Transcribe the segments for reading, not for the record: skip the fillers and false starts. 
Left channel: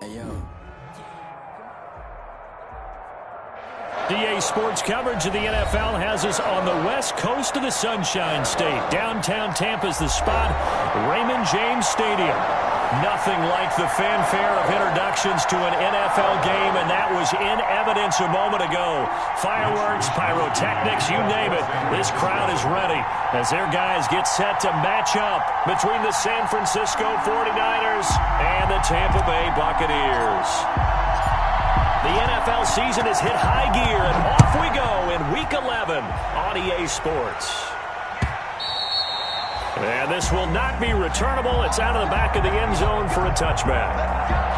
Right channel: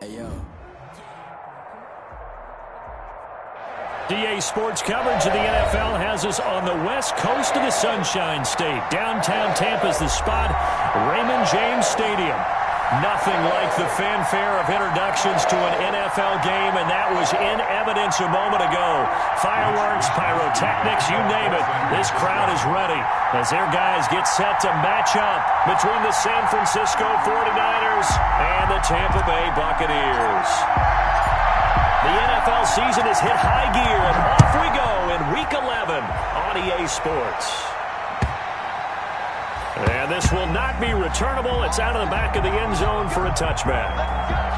Hey, yo. DA Sports coverage of the NFL has us on the west coast of the Sunshine State. Downtown Tampa's the spot, Raymond James Stadium. Nothing like the fanfare of introductions to an NFL game, and that was in evidence a moment ago. Fireworks, pyrotechnics, you name it. This crowd is ready as their guys get set to match up between the San Francisco 49ers and the Tampa Bay Buccaneers. The NFL season has hit high gear, and off we go in Week 11 on EA Sports. And this will not be returnable. It's out of the back of the end zone for a touchback.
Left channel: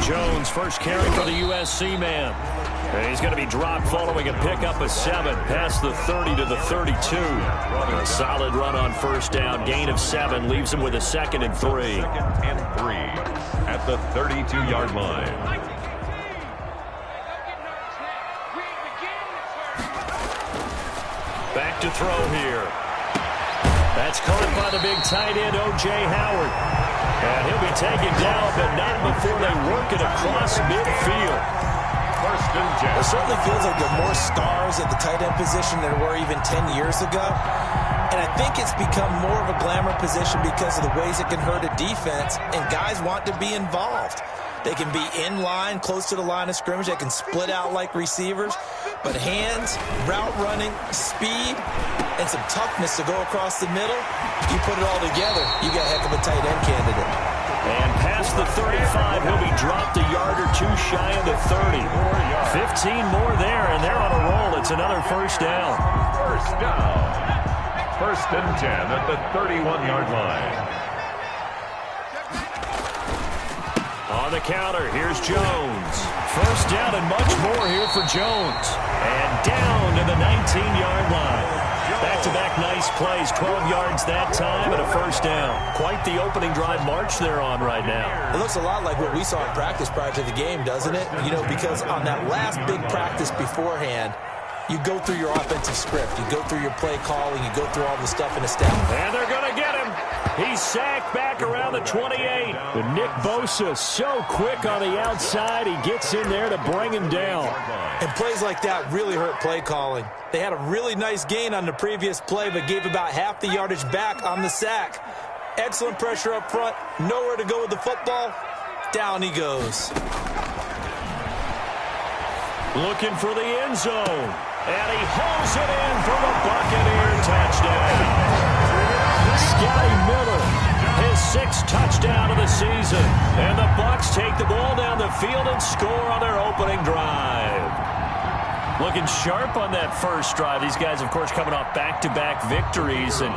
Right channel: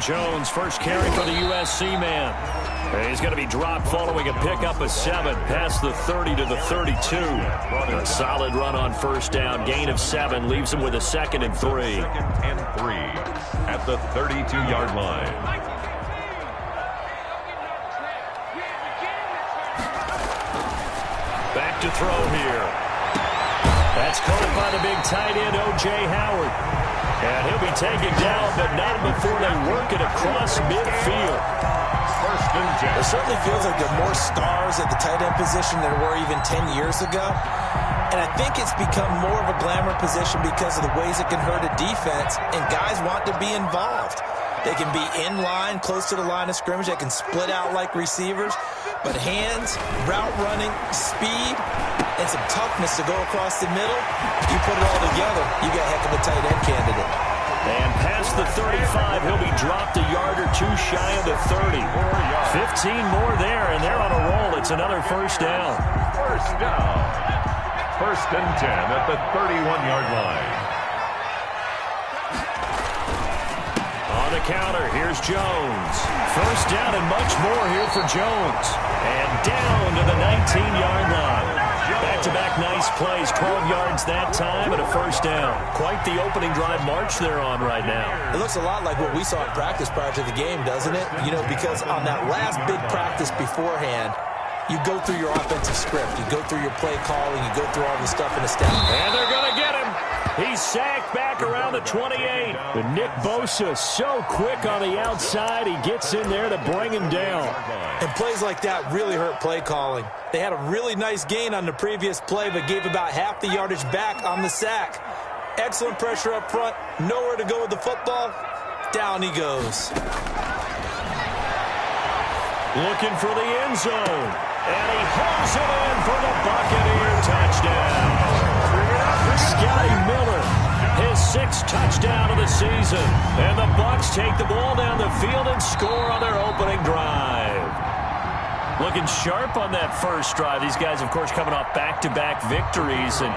Jones, first carry for the USC man. And he's going to be dropped following a pickup of 7 past the 30 to the 32. A solid run on first down. Gain of 7 leaves him with a 2nd and 3. 2nd and 3 at the 32-yard line. Back to throw here. That's caught by the big tight end, O.J. Howard. And he'll be taken down, but not before they work it across midfield. First and 10. It certainly feels like there are more stars at the tight end position than there were even 10 years ago. And I think it's become more of a glamour position because of the ways it can hurt a defense, and guys want to be involved. They can be in line, close to the line of scrimmage. They can split out like receivers. But hands, route running, speed, and some toughness to go across the middle, you put it all together, you got a heck of a tight end candidate. And past the 35, he'll be dropped a yard or two shy of the 30. 15 more there, and they're on a roll. It's another first down. First down. First and 10 at the 31-yard line. On the counter, here's Jones. First down and much more here for Jones. And down to the 19-yard line. Back-to-back nice plays, 12 yards that time and a first down. Quite the opening drive march they're on right now. It looks a lot like what we saw in practice prior to the game, doesn't it? You know, because on that last big practice beforehand, you go through your offensive script. You go through your play calling. You go through all the stuff in the stat. And they're going to get him. He's sacked back around the 28. But Nick Bosa so quick on the outside. He gets in there to bring him down. And plays like that really hurt play calling. They had a really nice gain on the previous play, but gave about half the yardage back on the sack. Excellent pressure up front. Nowhere to go with the football. Down he goes. Looking for the end zone. And he hauls it in for the Buccaneer touchdown. Scotty Miller, his 6th touchdown of the season. And the Bucs take the ball down the field and score on their opening drive. Looking sharp on that first drive. These guys, of course, coming off back-to-back victories. And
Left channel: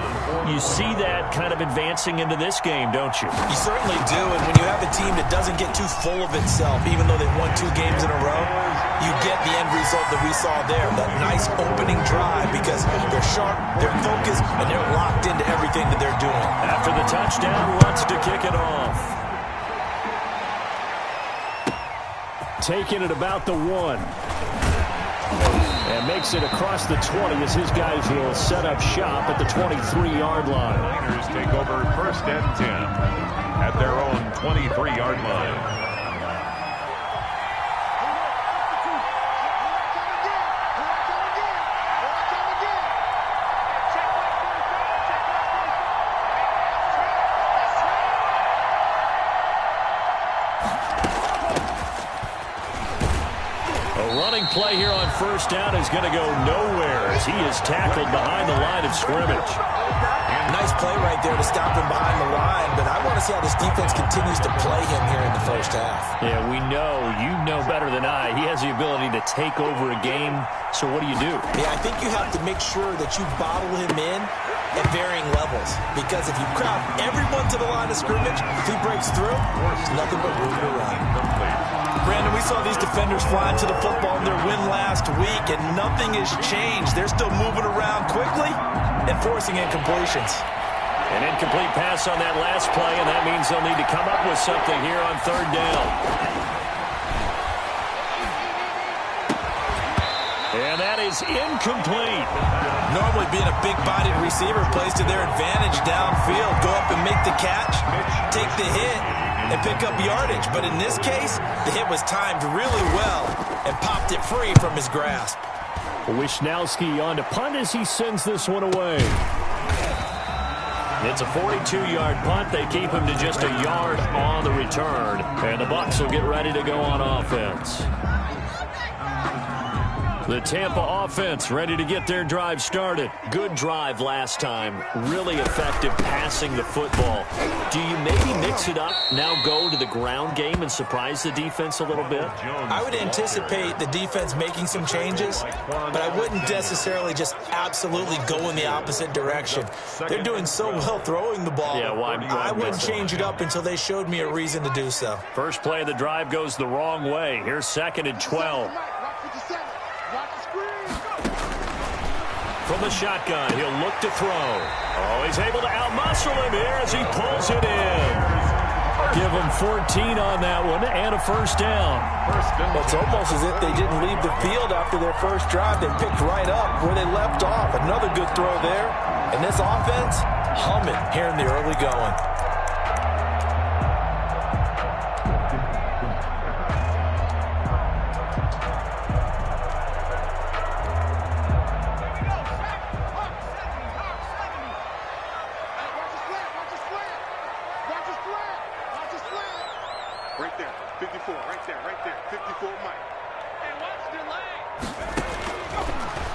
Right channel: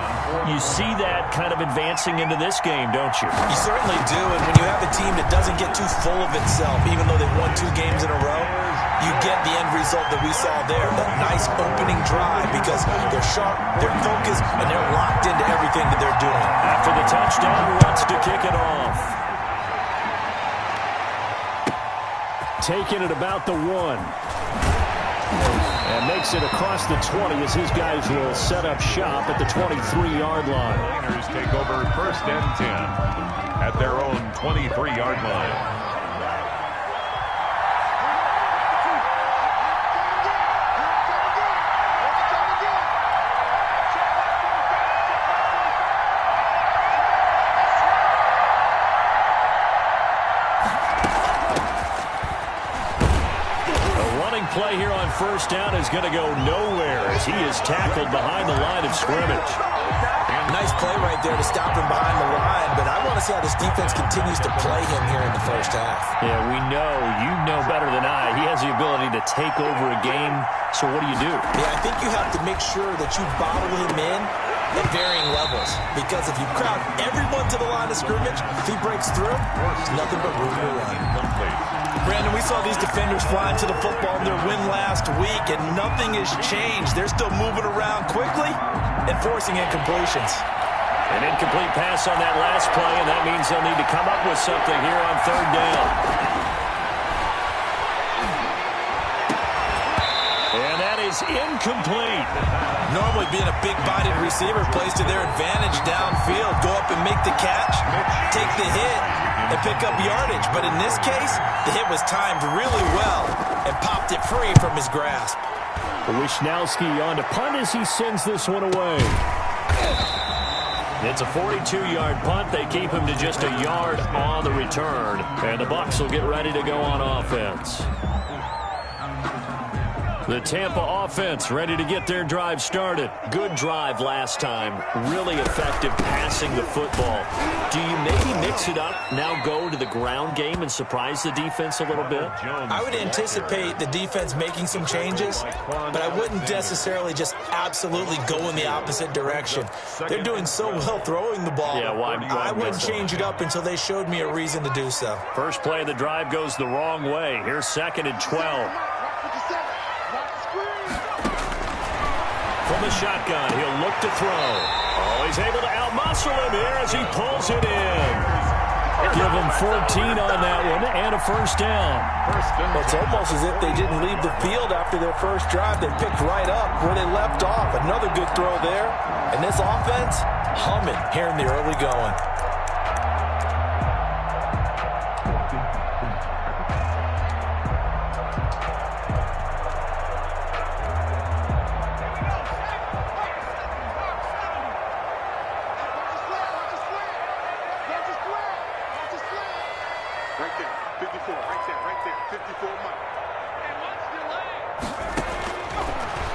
you see that kind of advancing into this game, don't you? You certainly do. And when you have a team that doesn't get too full of itself, even though they've won 2 games in a row, you get the end result that we saw there, that nice opening drive, because they're sharp, they're focused, and they're locked into everything that they're doing. After the touchdown, wants to kick it off. Taking it about the 1. And makes it across the 20 as his guys will set up shop at the 23-yard line. Niners take over first and 10 at their own 23-yard line. Play here on first down is going to go nowhere as he is tackled behind the line of scrimmage. Nice play right there to stop him behind the line, but I want to see how this defense continues to play him here in the first half. Yeah, we know, you know better than I, he has the ability to take over a game, so what do? Yeah, I think you have to make sure that you bottle him in at varying levels. Because if you crowd everyone to the line of scrimmage, if he breaks through, there's nothing but room to run. Brandon, we saw these defenders flying to the football in their win last week, and nothing has changed. They're still moving around quickly and forcing incompletions. An incomplete pass on that last play, and that means they'll need to come up with something here on third down. And that is incomplete. Normally being a big-bodied receiver plays to their advantage downfield. Go up and make the catch, take the hit, and pick up yardage. But in this case, the hit was timed really well and popped it free from his grasp. Wisnowski on to punt as he sends this one away. It's a 42-yard punt. They keep him to just a yard on the return. And the Bucs will get ready to go on offense. The Tampa offense ready to get their drive started. Good drive last time. Really effective passing the football. Do you maybe mix it up, now go to the ground game and surprise the defense a little bit? I would anticipate the defense making some changes, but I wouldn't necessarily just absolutely go in the opposite direction. They're doing so well throwing the ball. Yeah, I wouldn't change it up until they showed me a reason to do so. First play of the drive goes the wrong way. Here's 2nd and 12. From the shotgun, he'll look to throw. Oh, he's able to outmuscle him here as he pulls it in. Give him 14 on that one and a first down. It's almost as if they didn't leave the field after their first drive. They picked right up where they left off. Another good throw there. And this offense, humming here in the early going. Right there, 54, right there, 54 Mike. And watch delay.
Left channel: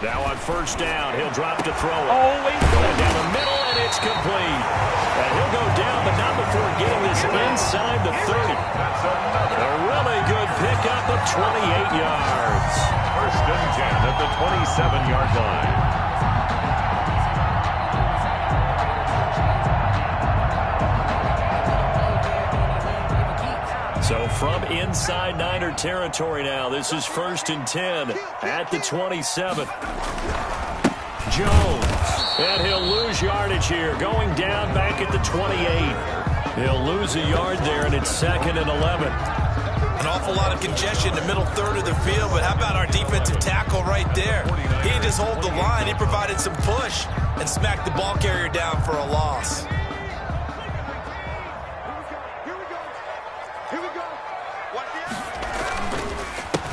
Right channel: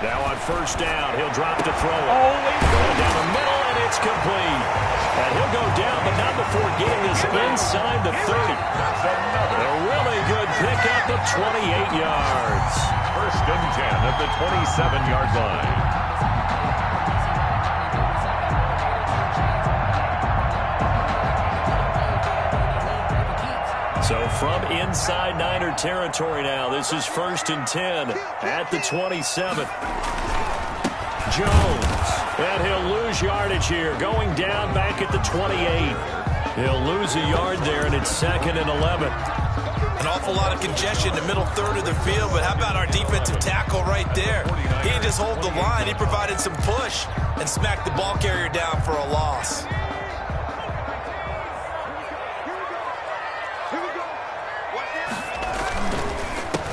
Now on first down, he'll drop to throw it. Going down the middle, and it's complete. And he'll go down, but not before getting this inside the 30. A really good pickup of 28 yards. 1st and 10 at the 27-yard line. So from inside Niner territory now, this is 1st and 10 at the 27. Jones, and he'll lose yardage here, going down back at the 28. He'll lose a yard there, and it's 2nd and 11. An awful lot of congestion in the middle third of the field, but how about our defensive tackle right there? He didn't just hold the line, he provided some push and smacked the ball carrier down for a loss.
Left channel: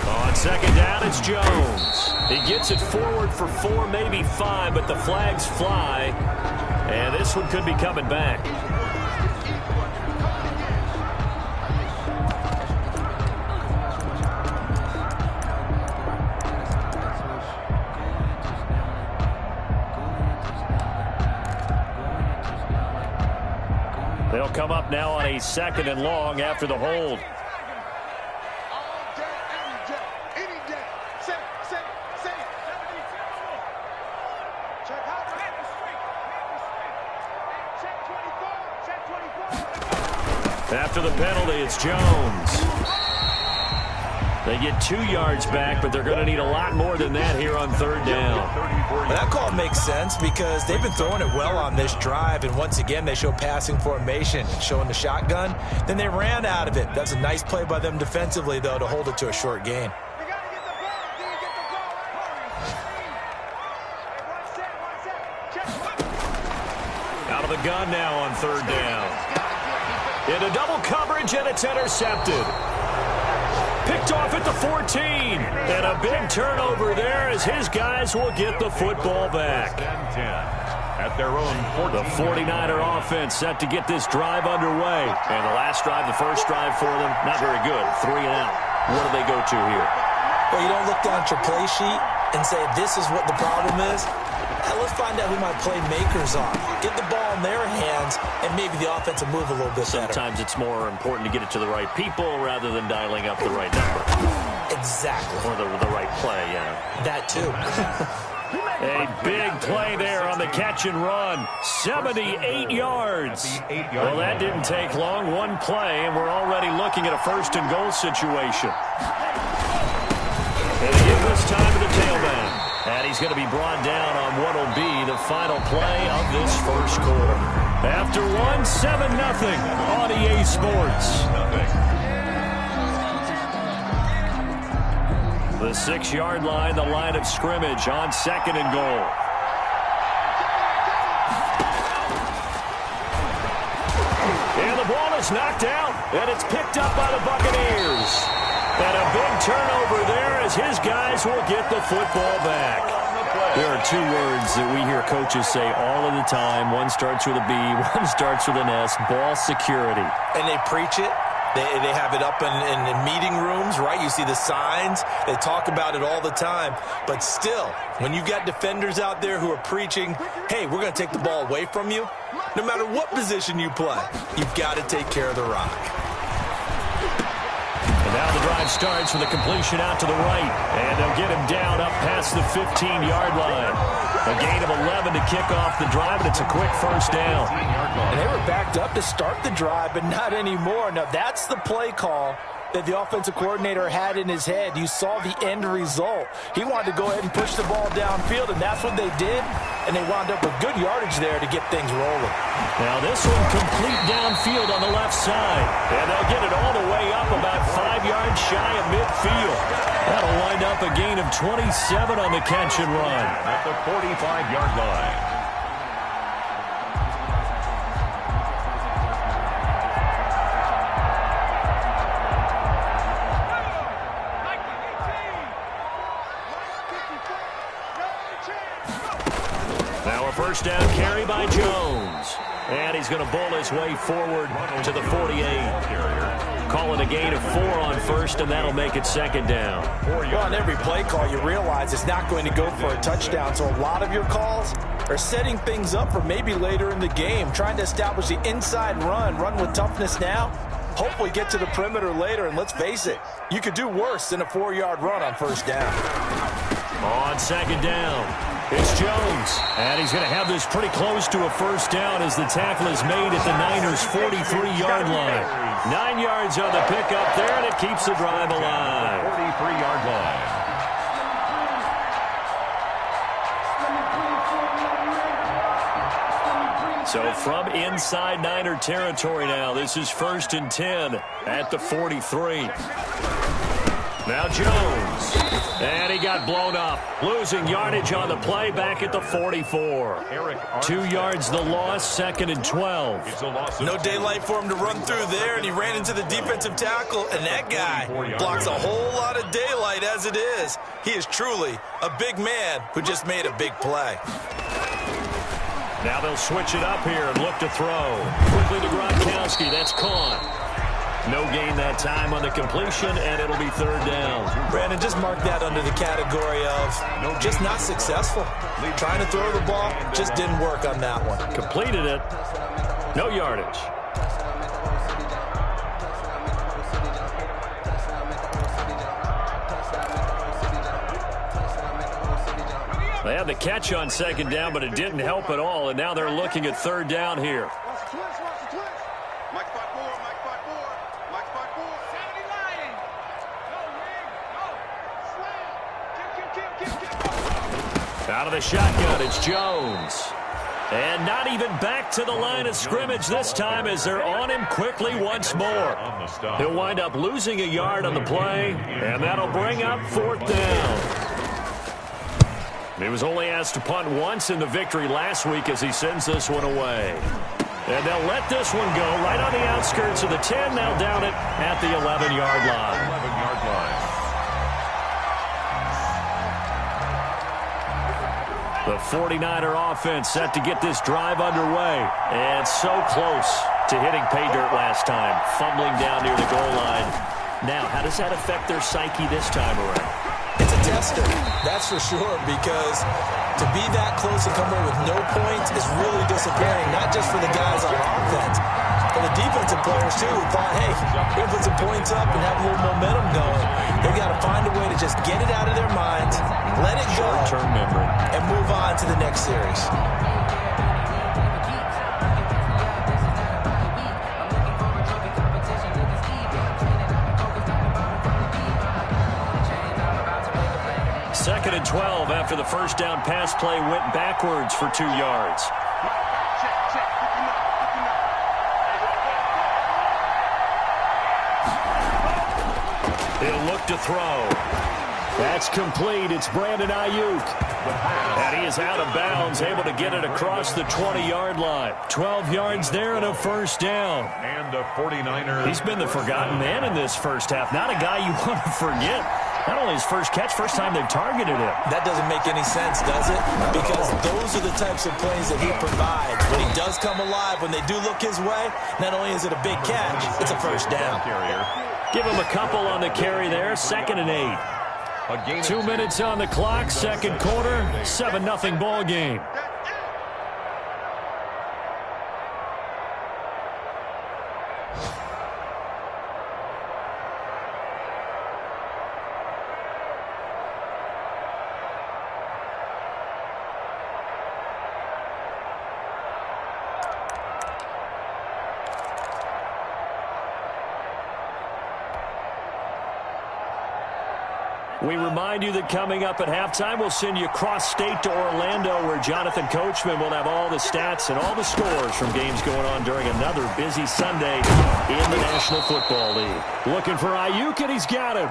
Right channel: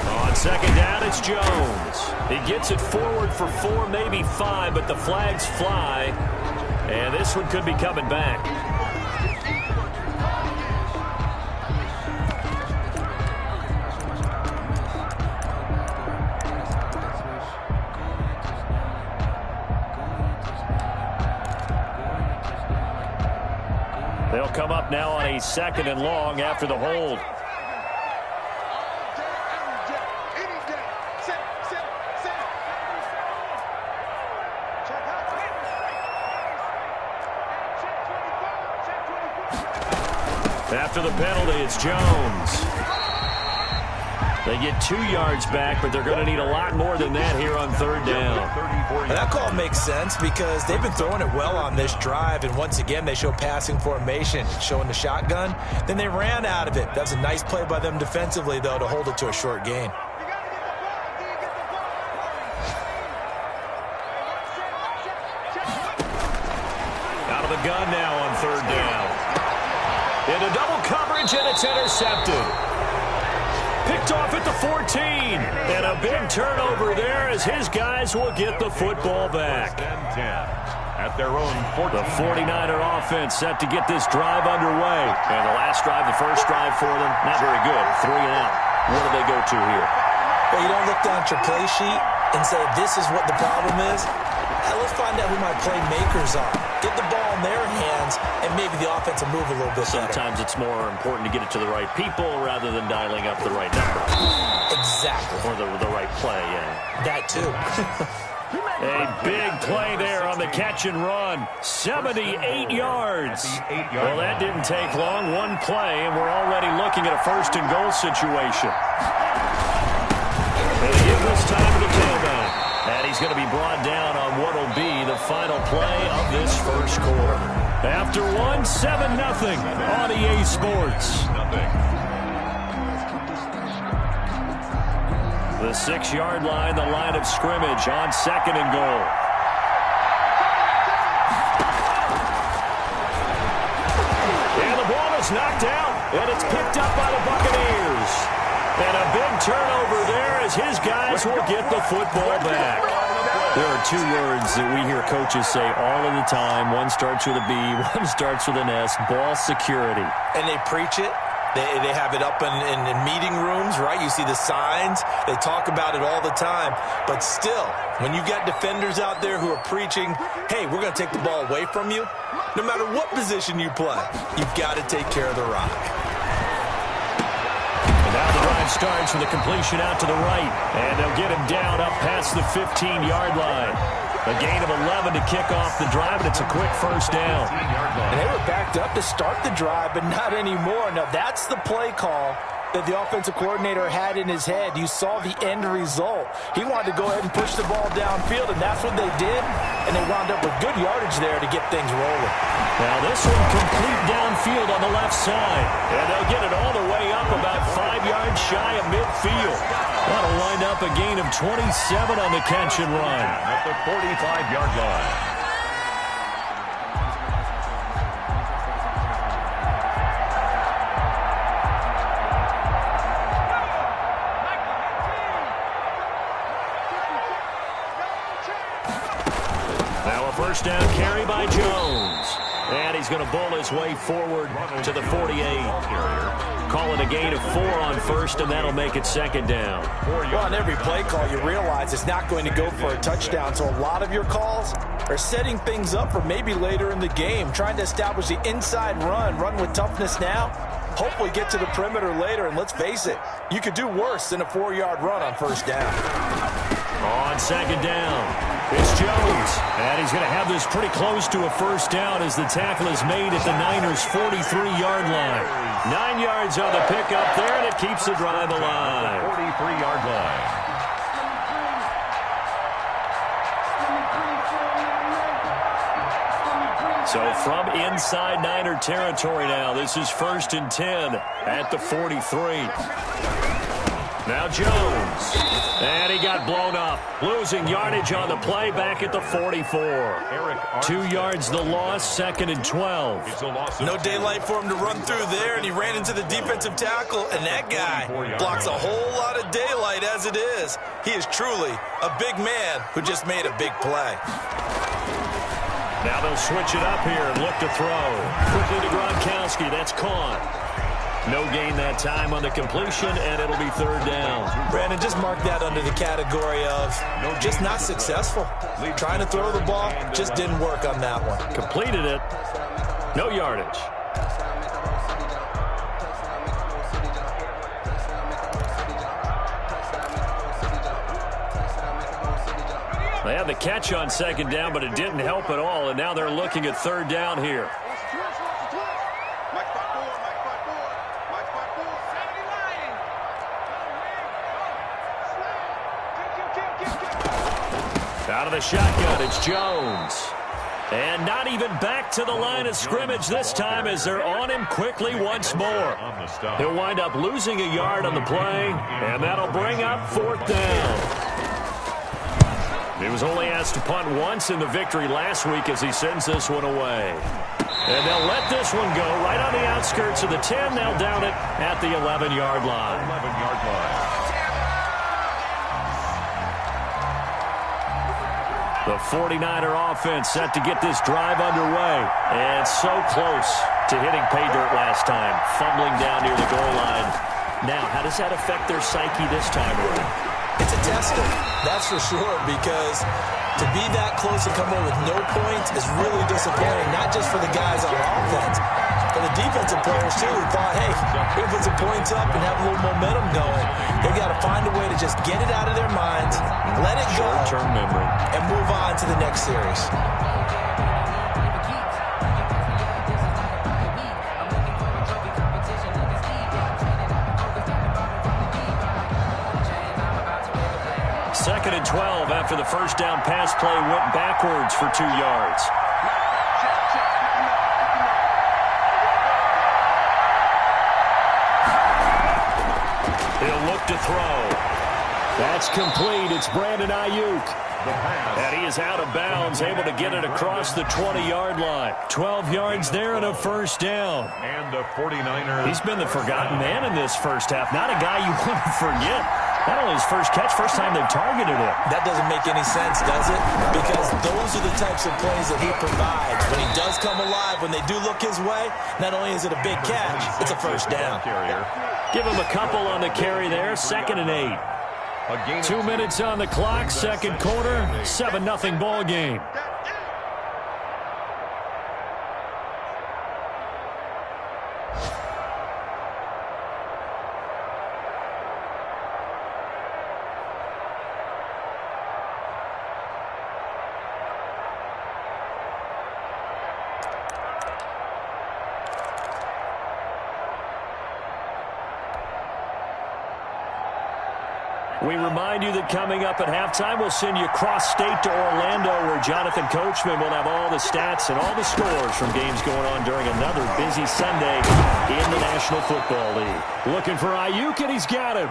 On 2nd down, it's Jones. He gets it forward for 4, maybe 5, but the flags fly. And this one could be coming back. They'll come up now on a 2nd and long after the hold. After the penalty, it's Jones. They get 2 yards back, but they're going to need a lot more than that here on 3rd down. That call makes sense because they've been throwing it well on this drive, and once again they show passing formation, showing the shotgun. Then they ran out of it. That's a nice play by them defensively, though, to hold it to a short gain. Out of the gun now on 3rd down. Into double coverage, and it's intercepted. Picked off at the 14. And a big turnover there as his guys will get the football back. At their own 14. The 49er offense set to get this drive underway. And the last drive, the first drive for them, not very good. 3 and out. What do they go to here? Well, you don't look down at your play sheet and say, this is what the problem is. Let's find out who my playmakers are. Get the ball in their hands, and maybe the offense will move a little bit better. Sometimes it's more important to get it to the right people rather than dialing up the right number. Exactly. Or the right play, yeah. That, too. A big play there on the catch and run. 78 yards. Well, that didn't take long. One play, and we're already looking at a first-and-goal situation. And they give this time to the tailback. And he's going to be brought down on what will be the final play of this first quarter. After one, 7-0 on EA Sports. The 6-yard line, the line of scrimmage on 2nd and goal. And the ball is knocked out, and it's picked up by the Buccaneers. And a big turnover there as his guys will get the football back. There are two words that we hear coaches say all of the time. One starts with a B, one starts with an S, ball security. And they preach it. They have it up in meeting rooms, right? You see the signs. They talk about it all the time. But still, when you got defenders out there who are preaching, hey, we're going to take the ball away from you, no matter what position you play, you've got to take care of the rock. And now the drive starts with a completion out to the right. And they'll get him down up past the 15-yard line. A gain of 11 to kick off the drive, and it's a quick first down. And they were backed up to start the drive, but not anymore. Now, that's the play call that the offensive coordinator had in his head. You saw the end result. He wanted to go ahead and push the ball downfield, and that's what they did. And they wound up with good yardage there to get things rolling. Now this one complete downfield on the left side. And they'll get it all the way up about 5 yards shy of midfield. That'll wind up a gain of 27 on the catch and run. At the 45-yard line. First down carry by Jones. And he's going to bowl his way forward to the 48. Call it a gain of 4 on first, and that'll make it 2nd down. Well, on every play call, you realize it's not going to go for a touchdown. So a lot of your calls are setting things up for maybe later in the game, trying to establish the inside run with toughness now. Hopefully get to the perimeter later, and let's face it, you could do worse than a 4-yard run on first down. On 2nd down. It's Jones, and he's going to have this pretty close to a first down as the tackle is made at the Niners' 43-yard line. 9 yards on the pickup there, and it keeps the drive alive. 43-yard line. So from inside Niner territory now, this is 1st and 10 at the 43. Now Jones. And he got blown up. Losing yardage on the play back at the 44. 2 yards the loss, 2nd and 12. No daylight for him to run through there, and he ran into the defensive tackle, and that guy blocks a whole lot of daylight as it is. He is truly a big man who just made a big play. Now they'll switch it up here and look to throw. Quickly to Gronkowski. That's caught. No gain that time on the completion, and it'll be 3rd down. Brandon, just mark that under the category of just not successful. Trying to throw the ball, just didn't work on that one. Completed it. No yardage. They had the catch on 2nd down, but it didn't help at all, and now they're looking at 3rd down here. Out of the shotgun, it's Jones. And not even back to the line of scrimmage this time as they're on him quickly once more. He'll wind up losing a yard on the play, and that'll bring up 4th down. He was only asked to punt once in the victory last week as he sends this one away. And they'll let this one go right on the outskirts of the 10. They'll down it at the 11-yard line. 11-yard line. The 49er offense set to get this drive underway. And so close to hitting pay dirt last time, fumbling down near the goal line. Now, how does that affect their psyche this time around? It's a tester, that's for sure, because to be that close and come away with no points is really disappointing, not just for the guys on offense, for the defensive players, too, who thought, hey, we're going to put some points up and have a little momentum going. They've got to find a way to just get it out of their minds, let it go, short-term memory, and move on to the next series. Second and 12 after the first down pass play went backwards for 2 yards. He'll look to throw. That's complete. It's Brandon Ayuk. And he is out of bounds, able to get it across the 20-yard line. 12 yards there and a first down. And the 49ers. He's been the forgotten man in this first half. Not a guy you want to forget. Not only his first catch, first time they've targeted him. That doesn't make any sense, does it? Because those are the types of plays that he provides. When he does come alive, when they do look his way, not only is it a big catch, it's a first down. Give him a couple on the carry there. 2nd and 8. 2 minutes on the clock, second quarter, 7-0 ball game. We remind you that coming up at halftime, we'll send you cross-state to Orlando, where Jonathan Coachman will have all the stats and all the scores from games going on during another busy Sunday in the National Football League. Looking for Ayuk, and he's got him.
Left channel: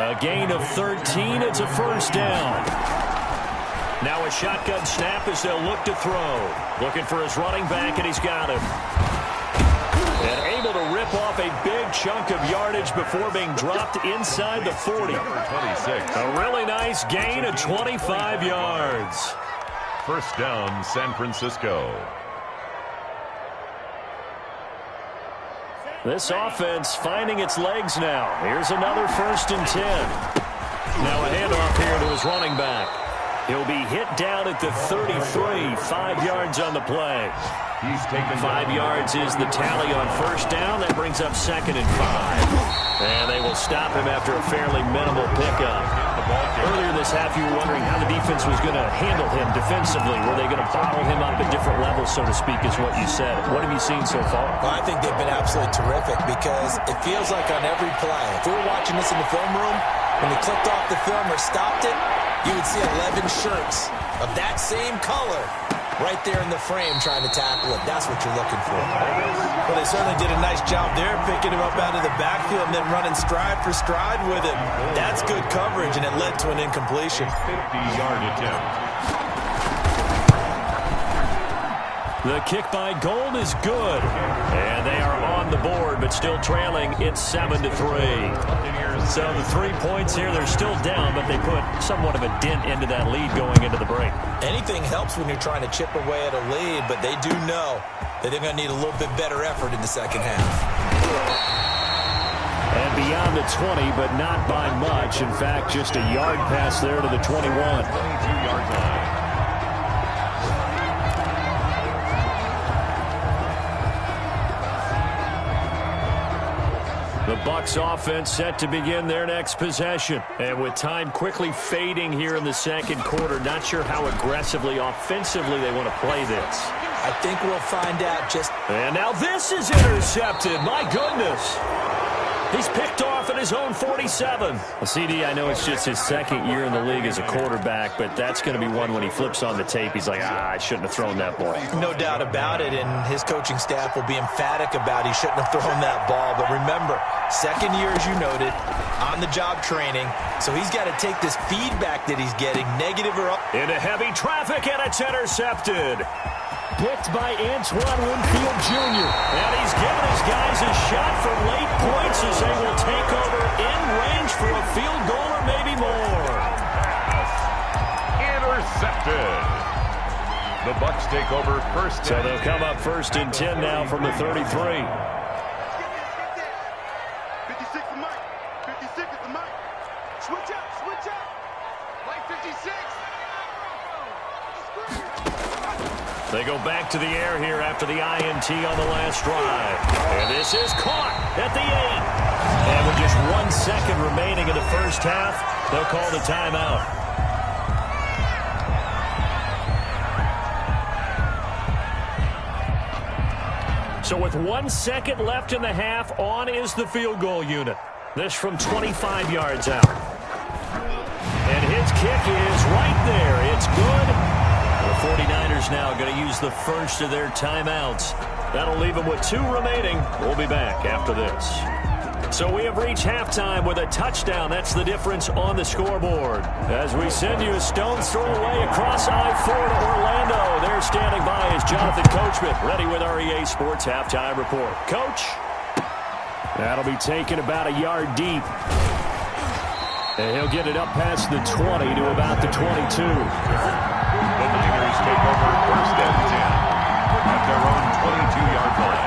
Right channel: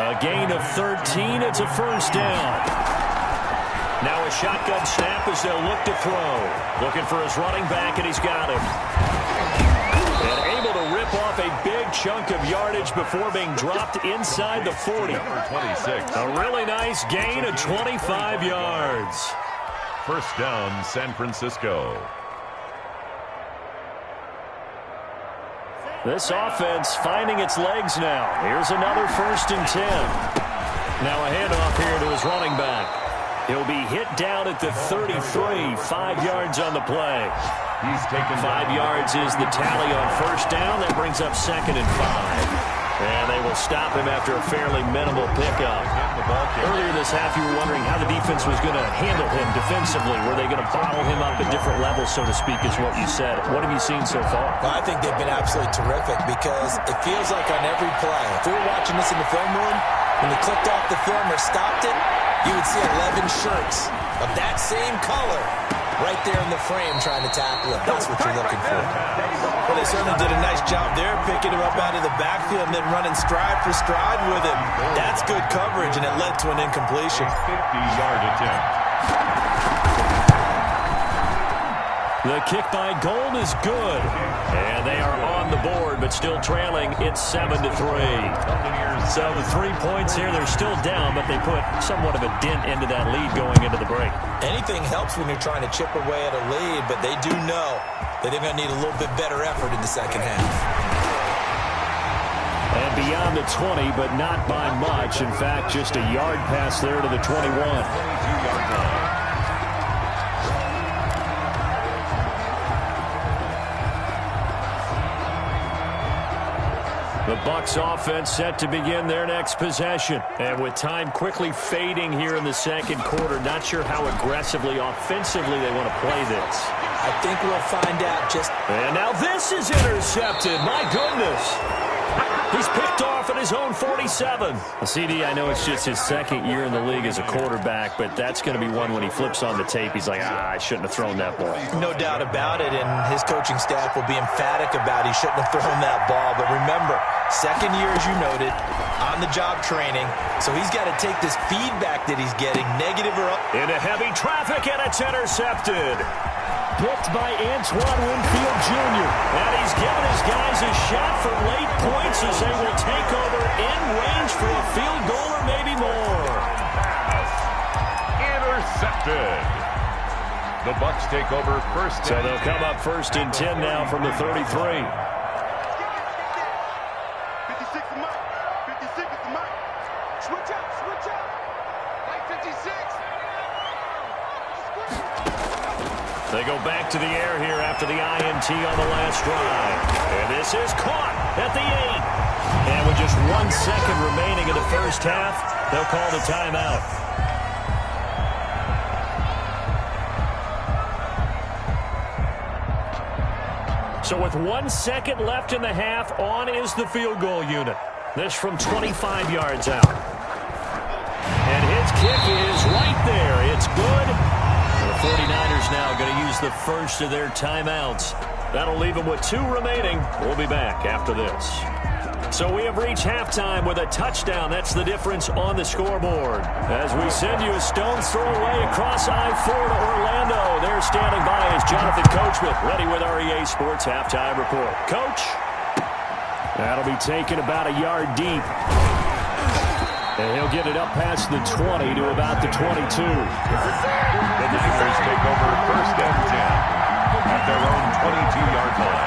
A gain of 13. It's a first down. Now a shotgun snap as they'll look to throw. Looking for his running back, and he's got him. And able to rip off a big chunk of yardage before being dropped inside the 40. Number 26. A really nice gain of 25 yards. First down, San Francisco. This offense finding its legs now. Here's another 1st and 10. Now a handoff here to his running back. He'll be hit down at the 33, 5 yards on the play. He's taken 5 yards is the tally on first down. That brings up 2nd and 5. And they will stop him after a fairly minimal pickup. Earlier this half, you were wondering how the defense was going to handle him defensively. Were they going to bottle him up at different levels, so to speak, is what you said. What have you seen so far? Well, I think they've been absolutely terrific because it feels like on every play, if we were watching this in the film room, when they clicked off the film or stopped it, you would see 11 shirts of that same color right there in the frame trying to tackle it. That's what you're looking for. Well, they certainly did a nice job there, picking him up out of the backfield and then running stride for stride with him. That's good coverage, and it led to an incompletion. 50-yard attempt. The kick by Gold is good. And they are on the board, but still trailing. It's 7-3. So the 3 points here, they're still down, but they put somewhat of a dent into that lead going into the break. Anything helps when you're trying to chip away at a lead, but they do know that they're going to need a little bit better effort in the second half. And beyond the 20, but not by much. In fact, just a yard pass there to the 21. 22-yard line. The Bucs offense set to begin their next possession. And with time quickly fading here in the second quarter, not sure how aggressively, offensively they want to play this. I think we'll find out just... And now this is intercepted. My goodness. He's picked off at his own 47. Well, CD, I know it's just his second year in the league as a quarterback, but that's going to be one when he flips on the tape. He's like, I shouldn't have thrown that ball. No doubt about it, and his coaching staff will be emphatic about he shouldn't have thrown that ball. But remember, second year, as you noted, on-the-job training, so he's got to take this feedback that he's getting, negative or up. Into heavy traffic, and it's intercepted. Picked by Antoine Winfield Jr. And he's given his guys a shot for late points as they will take over in range for a field goal or maybe more. Pass. Intercepted. The Bucs take over first. So they'll come up 1st and 10 now from the 33. 56 is Mike. 56 is the Mike. Switch up, switch up. Play 56. They go back to the air here after the INT on the last drive. And this is caught at the 8. And with just 1 second remaining in the first half, they'll call the timeout. So with 1 second left in the half, on is the field goal unit. This from 25 yards out. And his kick is right there. It's good. The 49ers now going to use the first of their timeouts. That'll leave them with 2 remaining. We'll be back after this. So we have reached halftime with a touchdown. That's the difference on the scoreboard. As we send you a stone's throw away across I-4 to Orlando. There standing by is Jonathan Coachman, ready with REA Sports Halftime Report. Coach? That'll be taken about a yard deep. And he'll get it up past the 20 to about the 22. The Niners take over first and 10 at their own 22-yard line.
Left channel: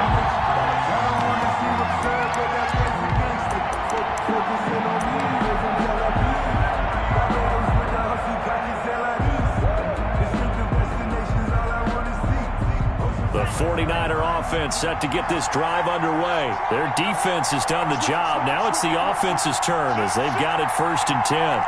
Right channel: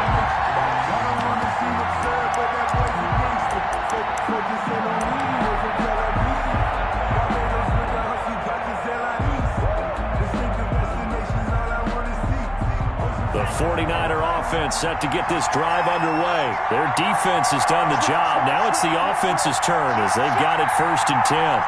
The 49er offense set to get this drive underway. Their defense has done the job. Now it's the offense's turn as they've got it first and 10.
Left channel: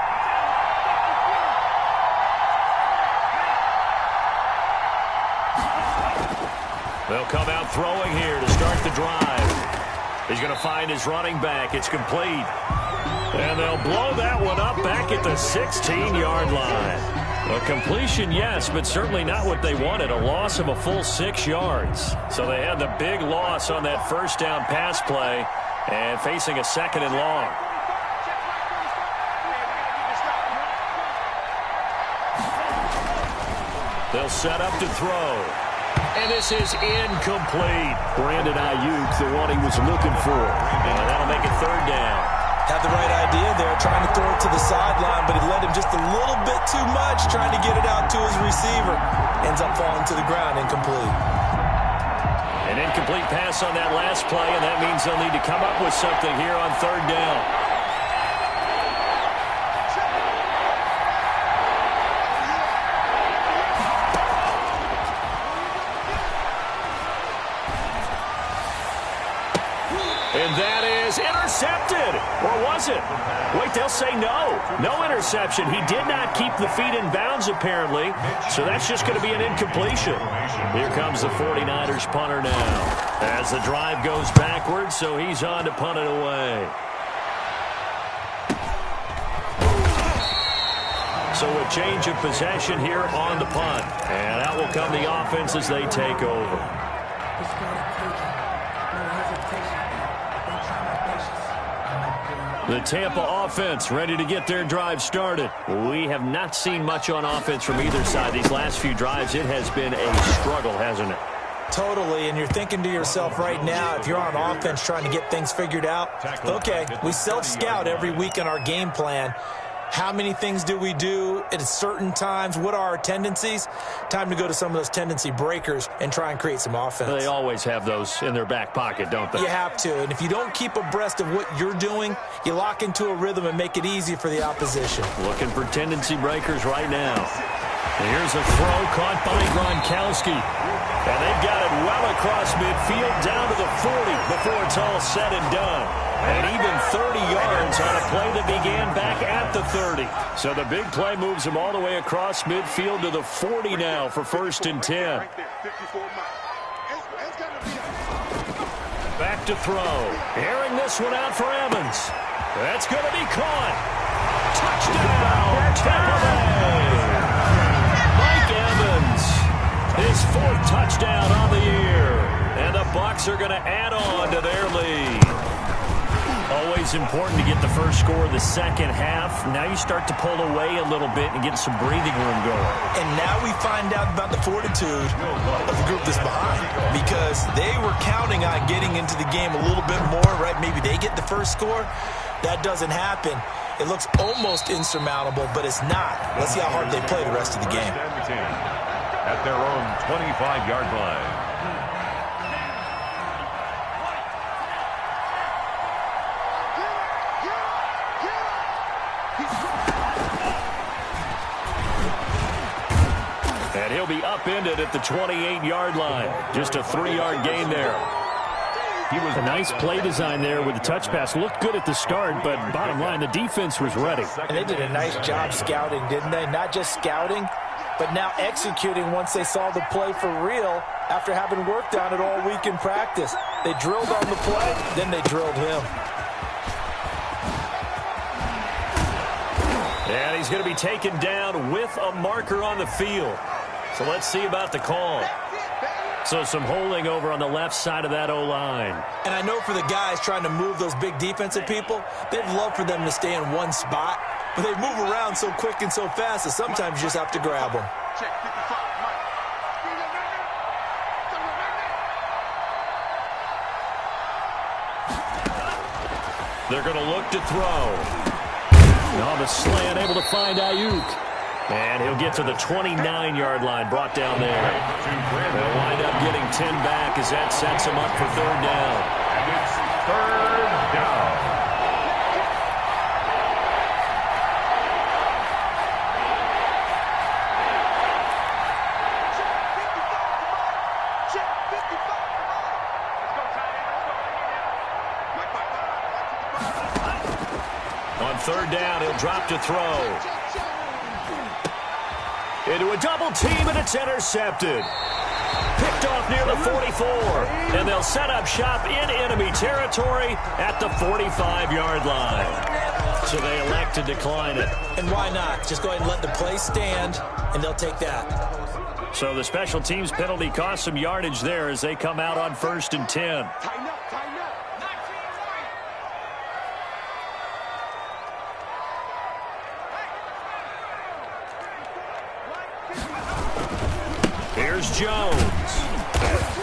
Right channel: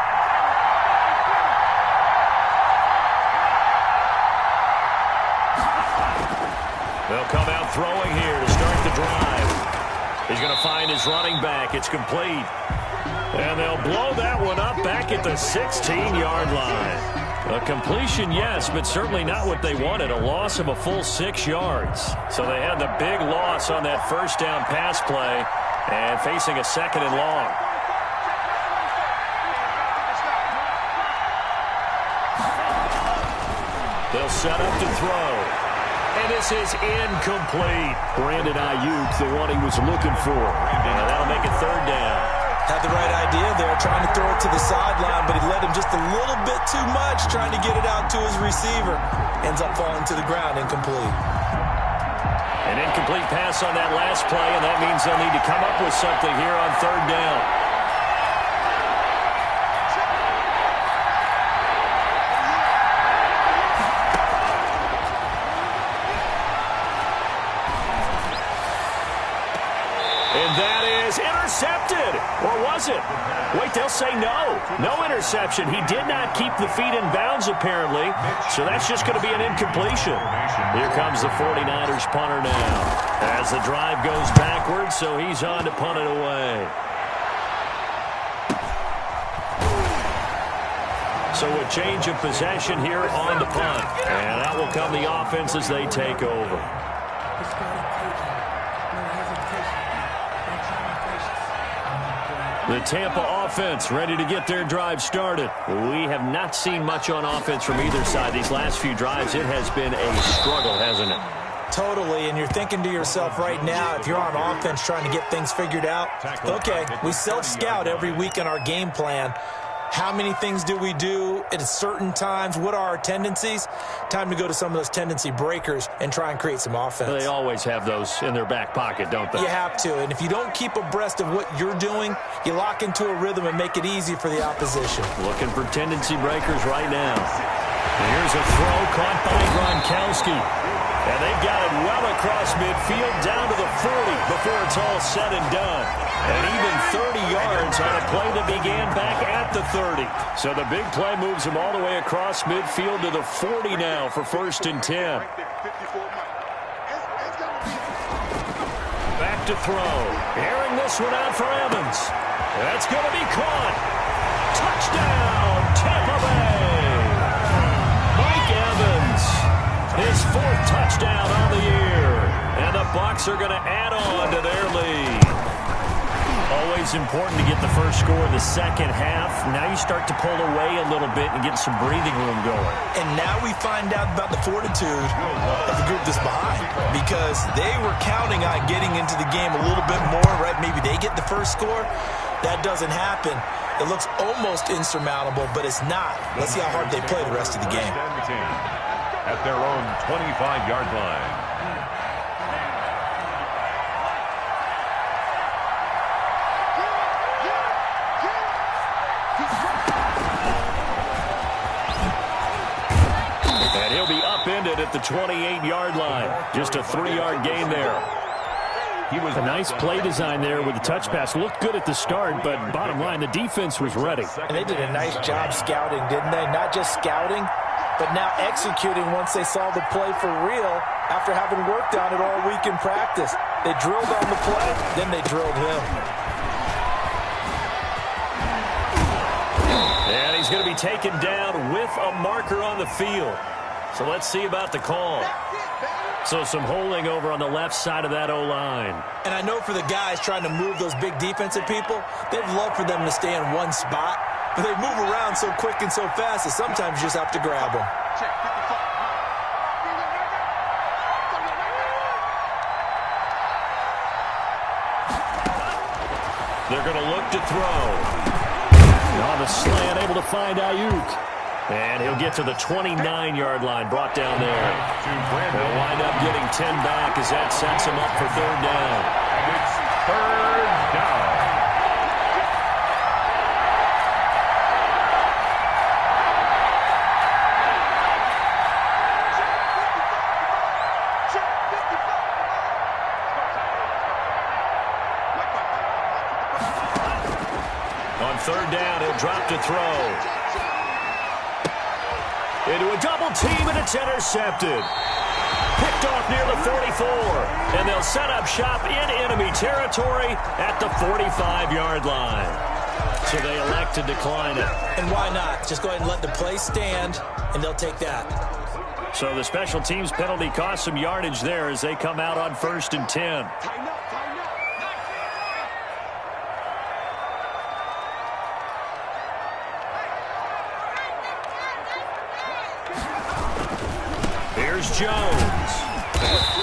They'll come out throwing here to start the drive. He's going to find his running back. It's complete. And they'll blow that one up back at the 16-yard line. A completion, yes, but certainly not what they wanted. A loss of a full 6 yards. So they had the big loss on that first down pass play and facing a second and long. They'll set up to throw. And this is incomplete. Brandon Ayuk, the one he was looking for. And that'll make it third down. Had the right idea there, trying to throw it to the sideline, but he led him just a little bit too much, trying to get it out to his receiver. Ends up falling to the ground, incomplete. An incomplete pass on that last play, and that means they'll need to come up with something here on third down. And that is intercepted. Or was it? Wait, they'll say no. No interception. He did not keep the feet in bounds, apparently. So that's just going to be an incompletion. Here comes the 49ers punter now. As the drive goes backwards, so he's on to punt it away. So a change of possession here on the punt. And out will come the offense as they take over. The Tampa offense ready to get their drive started. We have not seen much on offense from either side. These last few drives, it has been a struggle, hasn't it? Totally, and you're thinking to yourself right now, if you're on offense trying to get things figured out, okay, we self-scout every week in our game plan. How many things do we do at certain times? What are our tendencies? Time to go to some of those tendency breakers and try and create some offense. They always have those in their back pocket, don't they? You have to, and if you don't keep abreast of what you're doing, you lock into a rhythm and make it easy for the opposition. Looking for tendency breakers right now. Here's a throw caught by Gronkowski. And they've got it well across midfield down to the 40 before it's all said and done. And even 30 yards on a play that began back at the 30. So the big play moves them all the way across midfield to the 40 now for first and 10. Back to throw. Airing this one out for Evans. That's going to be caught. Touchdown, Tampa Bay. Mike Evans. His 4th touchdown on the year. And the Bucs are going to add on to their lead. Always important to get the first score of the second half. Now you start to pull away a little bit and get some breathing room going. And now we find out about the fortitude of the group that's behind, because they were counting on getting into the game a little bit more, right? Maybe they get the first score. That doesn't happen. It looks almost insurmountable, but it's not. Let's see how hard they play the rest of the game. At their own 25-yard line. And he'll be upended at the 28-yard line. Just a 3-yard gain there. He was a nice play design there with the touch pass. Looked good at the start, but bottom line, the defense was ready. And they did a nice job scouting, didn't they? Not just scouting, but now executing once they saw the play for real after having worked on it all week in practice. They drilled on the play, then they drilled him. And he's going to be taken down with a marker on the field. So let's see about the call. So some holding over on the left side of that O-line. And I know for the guys trying to move those big defensive people, they'd love for them to stay in one spot, but they move around so quick and so fast that sometimes you just have to grab them. Check 55. They're going to look to throw. On the slant, able to find Ayuk. And he'll get to the 29-yard line, brought down there. They'll wind up getting 10 back as that sets him up for 3rd down. And it's 3rd down. On 3rd down, he'll drop to throw. Into a double team, and it's intercepted. Picked off near the 44. And they'll set up shop in enemy territory at the 45-yard line. So they elect to decline it. And why not? Just go ahead and let the play stand, and they'll take that. So the special teams penalty cost some yardage there as they come out on 1st and 10. Tighten up, tighten up. Here's Jones.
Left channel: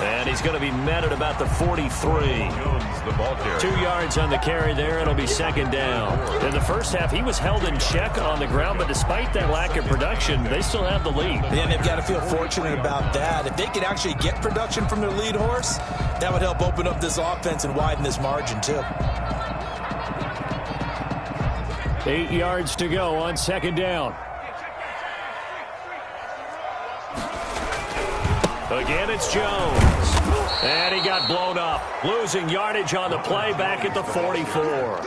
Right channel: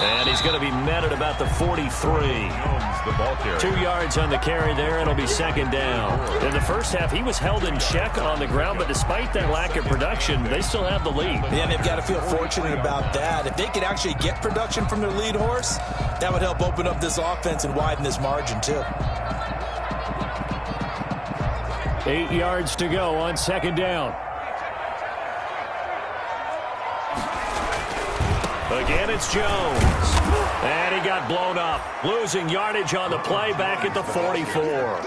And he's going to be met at about the 43. Jones, the ball carrier. 2 yards on the carry there. It'll be 2nd down. In the first half, he was held in check on the ground, but despite that lack of production, they still have the lead. Yeah, they've got to feel fortunate about that. If they could actually get production from their lead horse, that would help open up this offense and widen this margin, too. 8 yards to go on 2nd down. Again, it's Jones. And he got blown up. Losing yardage on the play back at the 44.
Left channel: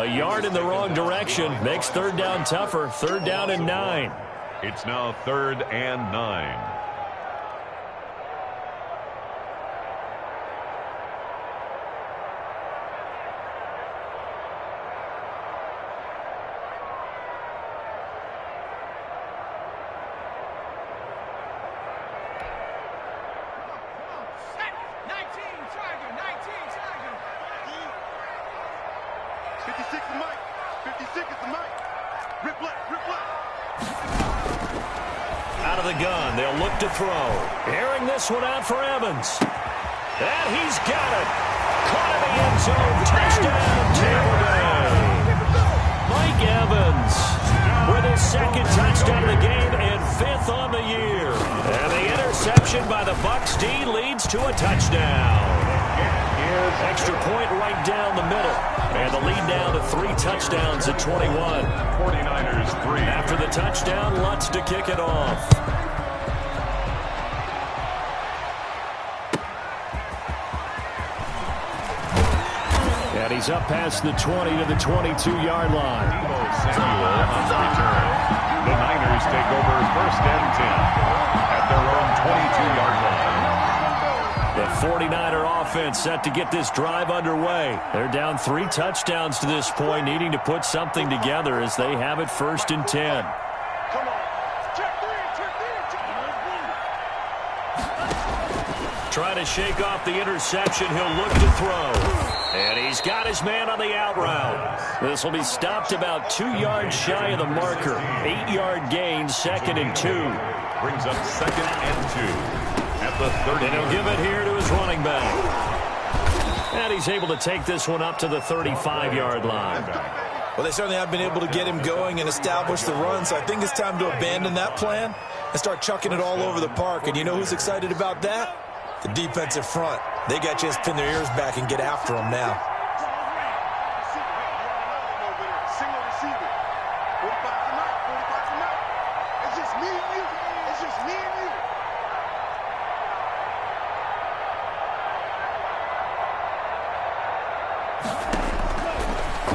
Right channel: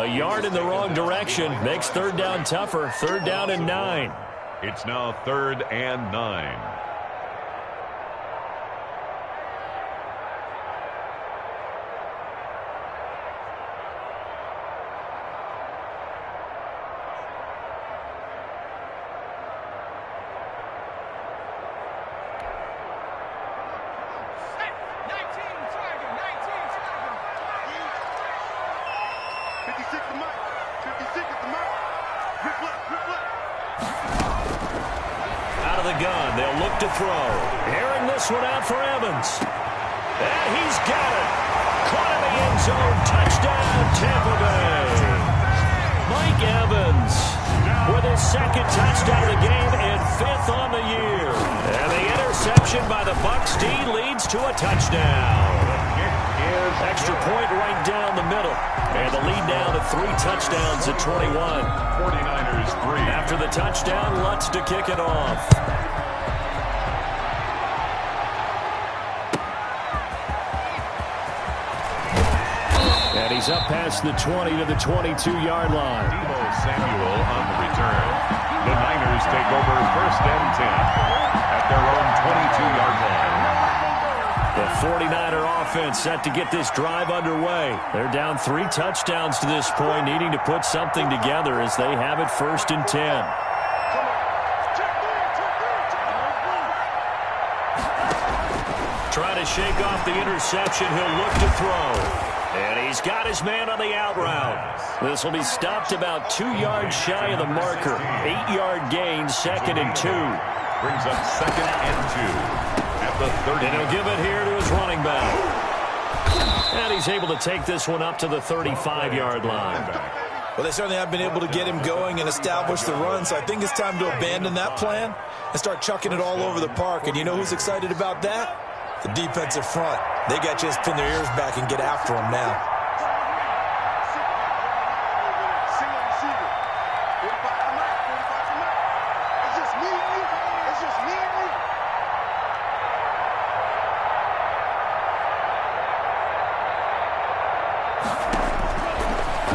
A yard in the wrong direction makes 3rd down tougher. 3rd down and 9. It's now 3rd and 9. Out of the gun, they'll look to throw. Airing this one out for Evans. And he's got it. Caught in the end zone. Touchdown, Tampa Bay. Mike Evans with his 2nd touchdown of the game and 5th on the year. And the interception by the Bucs D leads to a touchdown. Extra point right down the middle. And the lead down to 3 touchdowns at 21. 49ers 3. After the touchdown, Lutz to kick it off. And he's up past the 20 to the 22-yard line. Samuel on the return. The Niners take over 1st and 10 at their own 22-yard line. The 49er offense set to get this drive underway. They're down 3 touchdowns to this point, needing to put something together as they have it 1st and 10. Trying to shake off the interception. He'll look to throw. And he's got his man on the out route. This will be stopped about 2 yards shy of the marker. 8-yard gain, 2nd and 2. Brings up 2nd and 2. At the 30. And he'll give it here to his running back. And he's able to take this one up to the 35-yard line. Well, they certainly have been able to get him going and establish the run, so I think it's time to abandon that plan and start chucking it all over the park. And you know who's excited about that? The defensive front. They got a chance to pin their ears back and get after him now. Single receiver. 45 tonight, 45 tonight. It's just me and you. It's just me and you.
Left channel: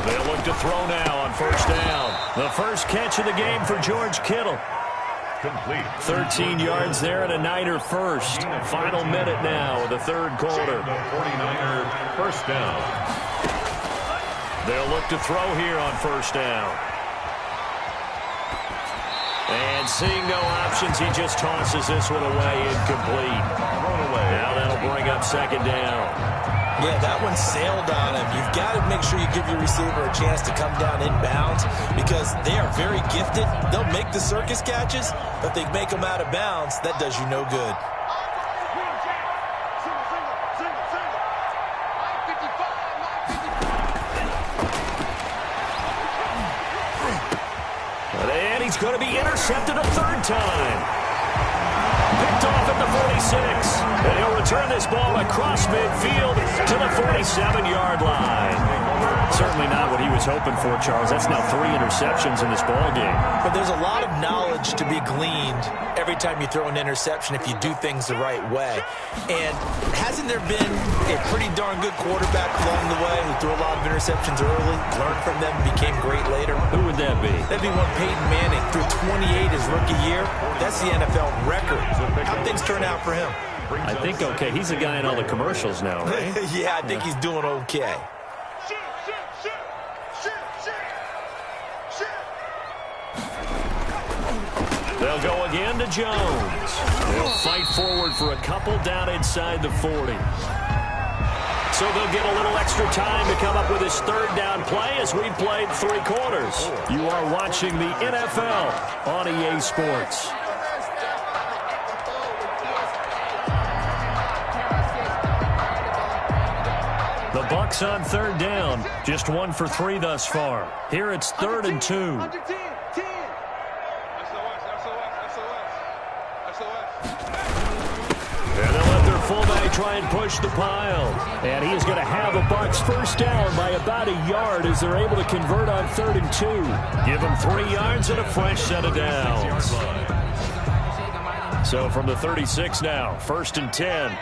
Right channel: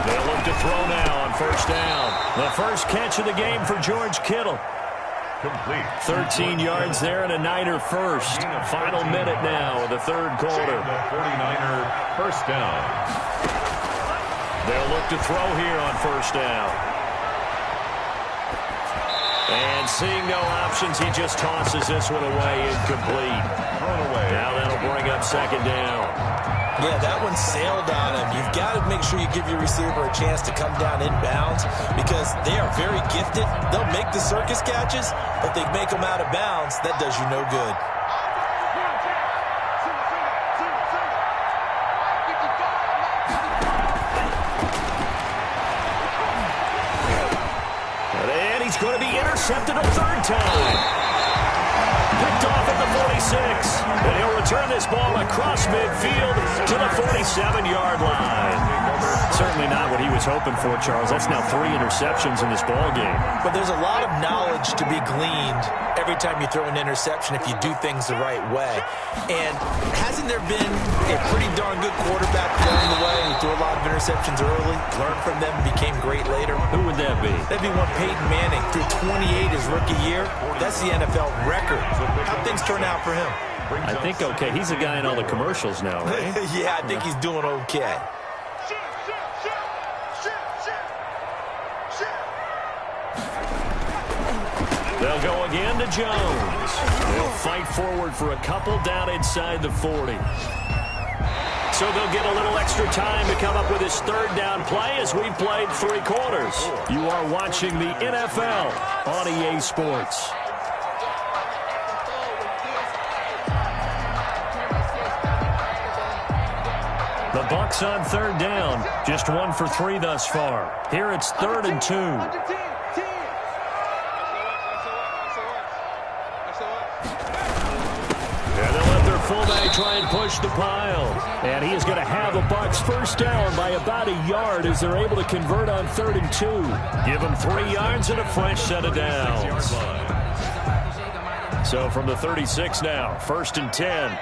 They'll look to throw now on first down. The first catch of the game for George Kittle. Complete. 13 yards there and a Niner first. Final minute now of the third quarter. The 49er first down. They'll look to throw here on first down. And seeing no options, he just tosses this one away, incomplete. Thrown away. Now that'll bring up second down. Yeah, that one sailed on him. You've got to make sure you give your receiver a chance to come down inbounds because they are very gifted. They'll make the circus catches, but they make them out of bounds. That does you no good. And he's going to be intercepted a third time. Picked off at the 46. And he'll return this ball across midfield to the 47-yard line. Certainly not what he was hoping for, Charles. That's now 3 interceptions in this ball game. But there's a lot of knowledge to be gleaned every time you throw an interception if you do things the right way. And hasn't there been a pretty darn good quarterback along the way who threw a lot of interceptions early, learned from them, became great later? Who would that be? That'd be one Peyton Manning. Threw 28 his rookie year. That's the NFL record. How'd things turn out for him? I think, okay, he's a guy in all the commercials now, right? Yeah, I think he's doing okay. They'll go again to Jones. They'll fight forward for a couple down inside the 40. So they'll get a little extra time to come up with his third down play as we've played 3 quarters. You are watching the NFL on EA Sports. The Bucs on third down, just 1 for 3 thus far. Here it's 3rd and 2. And they'll let their fullback try and push the pile. And he is going to have the Bucs first down by about a yard as they're able to convert on 3rd and 2. Give them 3 yards and a fresh set of downs. So from the 36 now, 1st and 10.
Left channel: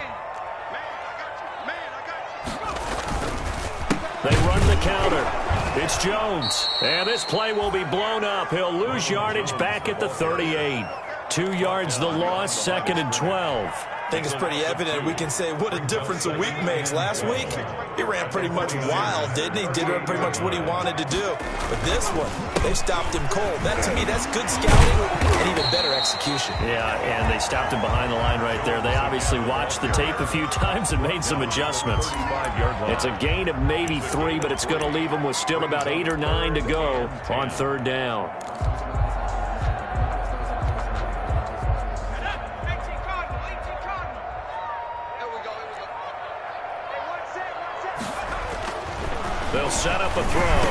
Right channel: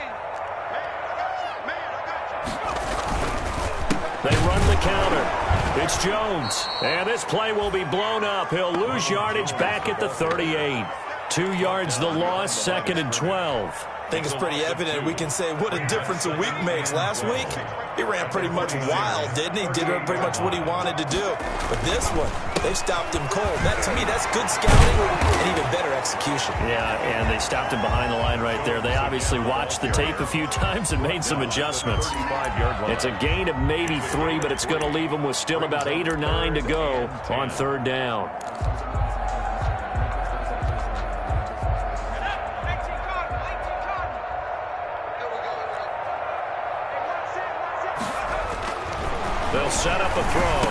They run the counter. It's Jones. And this play will be blown up. He'll lose yardage back at the 38. 2 yards the loss, 2nd and 12. I think it's pretty evident. We can say what a difference a week makes. Last week, he ran pretty much wild, didn't he? Did pretty much what he wanted to do. But this one, they stopped him cold. That, to me, that's good scouting and even better execution. Yeah, and they stopped him behind the line right there. They obviously watched the tape a few times and made some adjustments. It's a gain of maybe 3, but it's going to leave them with still about 8 or 9 to go on 3rd down. They'll set up a throw.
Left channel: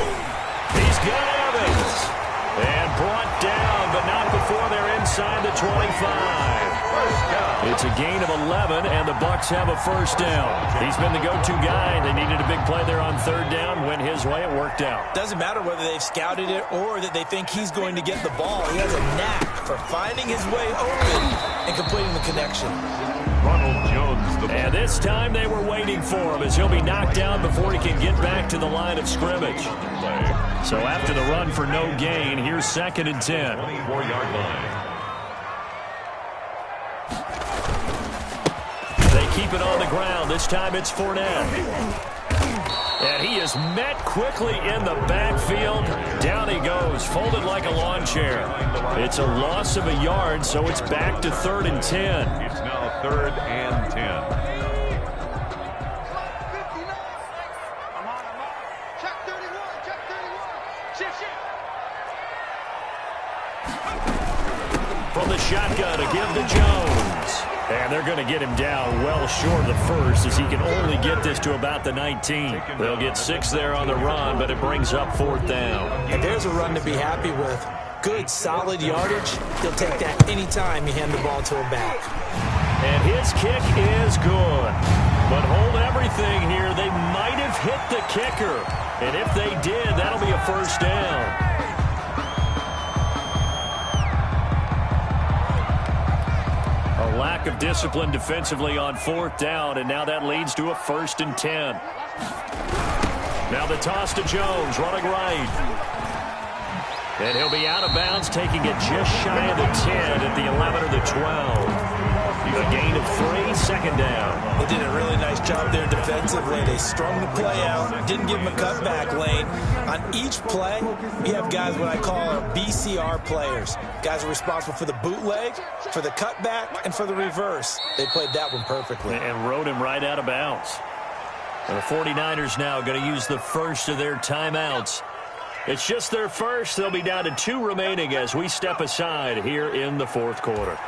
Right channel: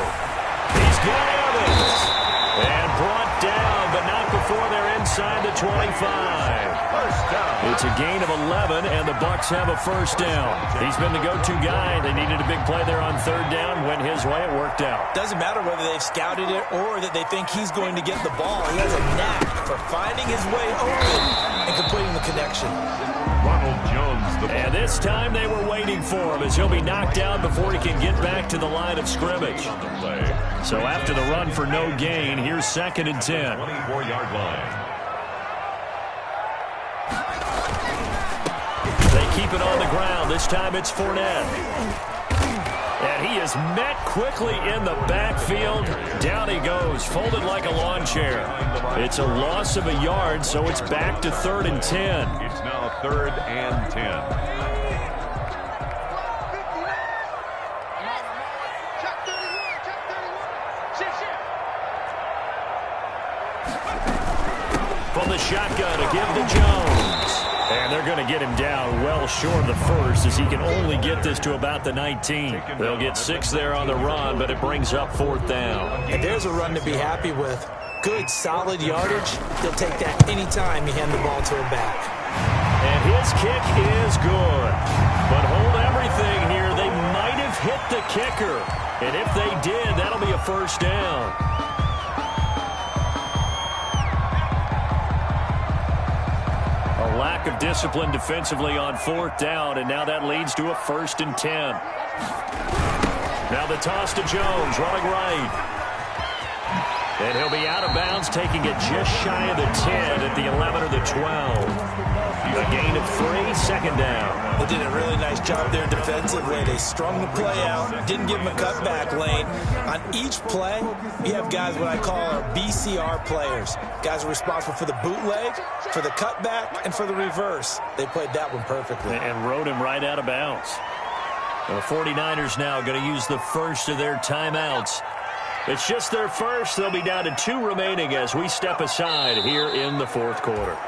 He's got Evans. And brought down, but not before they're inside the 25. First down. It's a gain of 11, and the Bucs have a first down. He's been the go-to guy. They needed a big play there on 3rd down. Went his way. It worked out. Doesn't matter whether they've scouted it or that they think he's going to get the ball. He has a knack for finding his way open and completing the connection. Ronald Jones, the ball. And this time they were waiting for him as he'll be knocked down before he can get back to the line of scrimmage. So after the run for no gain, here's 2nd and 10. 24-yard line. They keep it on the ground. This time it's Fournette. And he is met quickly in the backfield. Down he goes, folded like a lawn chair. It's a loss of a yard, so it's back to 3rd and 10. It's now 3rd and 10. From the shotgun to give to Jones. And they're going to get him down well short of the first as he can only get this to about the 19. They'll get 6 there on the run, but it brings up 4th down. And there's a run to be happy with. Good, solid yardage. He'll take that anytime you hand the ball to him back. And his kick is good. But hold everything here. They might have hit the kicker. And if they did, that'll be a first down. lack of discipline defensively on 4th down, and now that leads to a 1st and 10. Now the toss to Jones, running right. And he'll be out of bounds, taking it just shy of the 10 at the 11 or the 12. A gain of 3, 2nd down. They did a really nice job there defensively. They strung the play out, didn't give him a cutback lane. On each play, you have guys what I call our BCR players. Guys are responsible for the bootleg, for the cutback, and for the reverse. They played that one perfectly. And rode him right out of bounds. The 49ers now going to use the first of their timeouts. It's just their first. They'll be down to 2 remaining as we step aside here in the 4th quarter.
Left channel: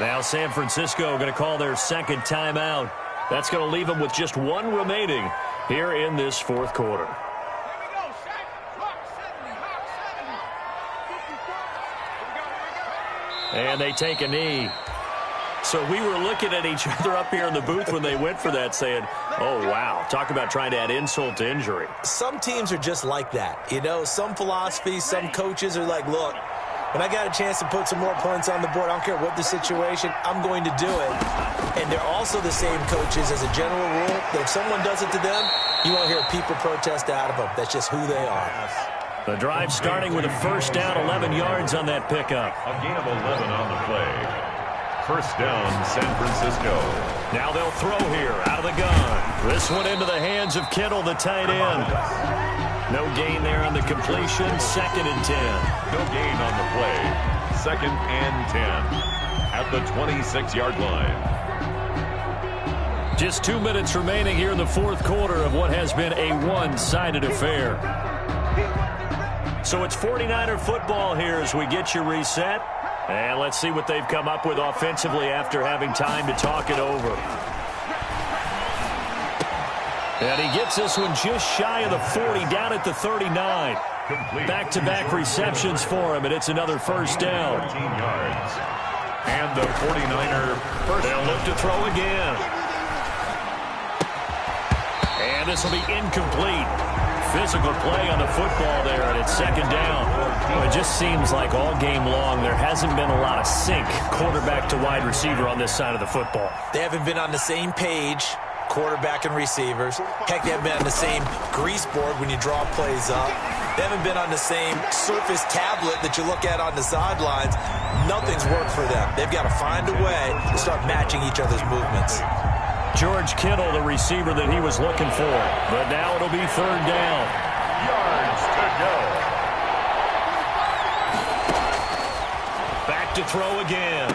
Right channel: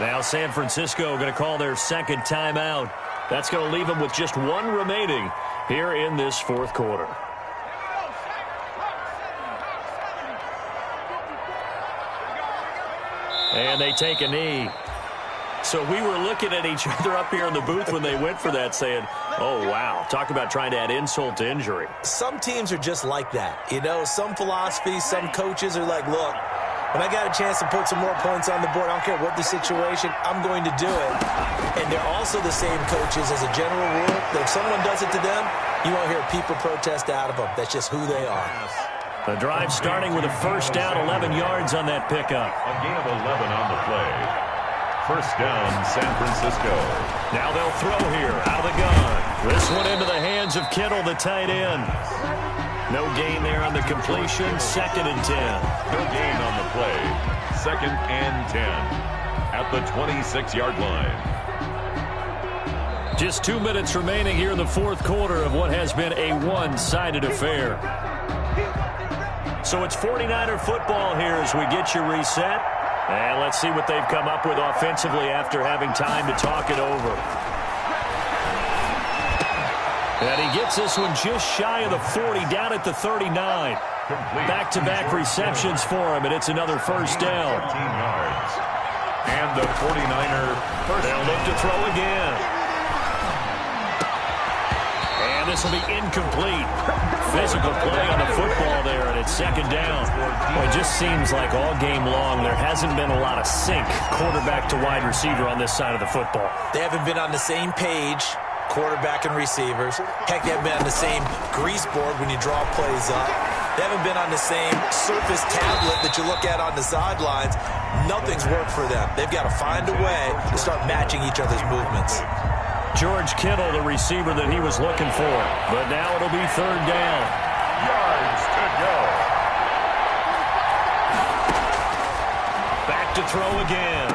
Now San Francisco going to call their 2nd timeout. That's going to leave them with just 1 remaining here in this 4th quarter. And they take a knee. So we were looking at each other up here in the booth when they went for that saying, oh, wow, talk about trying to add insult to injury. Some teams are just like that. You know, some philosophies, some coaches are like, look, when I got a chance to put some more points on the board, I don't care what the situation, I'm going to do it. And they're also the same coaches as a general rule that if someone does it to them, you won't hear a people protest out of them. That's just who they are. The drive starting with a 1st down, 11 yards on that pickup. A gain of 11 on the play. 1st down, San Francisco. Now they'll throw here out of the gun. This one into the hands of Kittle, the tight end. No gain there on the completion. 2nd and 10. No gain on the play. 2nd and 10 at the 26-yard line. Just 2 minutes remaining here in the 4th quarter of what has been a one-sided affair. So it's 49er football here as we get you reset. And let's see what they've come up with offensively after having time to talk it over. And he gets this one just shy of the 40, down at the 39. Back-to-back receptions for him, and it's another 1st down. 14 yards. And the 49er first. They'll look to throw again. And this will be incomplete. Physical play on the football there, and it's 2nd down. Well, it just seems like all game long there hasn't been a lot of sync quarterback to wide receiver on this side of the football. They haven't been on the same page, quarterback and receivers. Heck, they haven't been on the same grease board when you draw plays up. They haven't been on the same surface tablet that you look at on the sidelines. Nothing's worked for them. They've got to find a way to start matching each other's movements. George Kittle, the receiver that he was looking for. But now it'll be 3rd down. Yards to go. Back to throw again.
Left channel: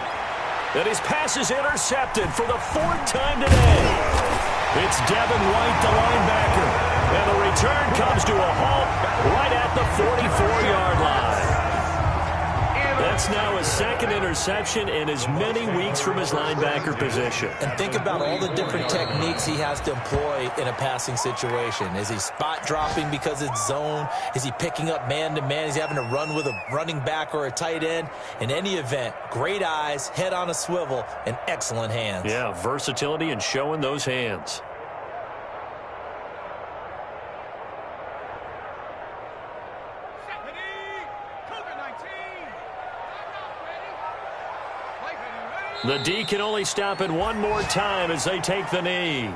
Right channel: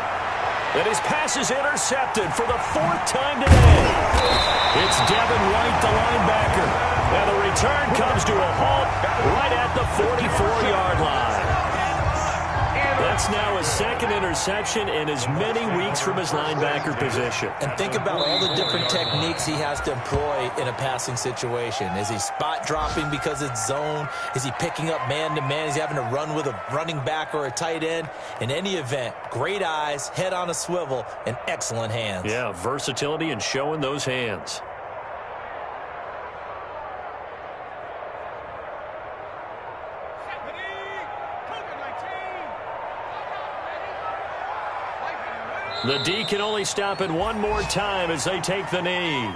And his pass is intercepted for the 4th time today. It's Devin White, the linebacker. And the return comes to a halt right at the 44-yard line. That's now his 2nd interception in as many weeks from his linebacker position. And think about all the different techniques he has to employ in a passing situation. Is he spot dropping because it's zone? Is he picking up man-to-man? Is he having to run with a running back or a tight end? In any event, great eyes, head on a swivel, and excellent hands. Yeah, versatility and showing those hands. The D can only stop it one more time as they take the knee.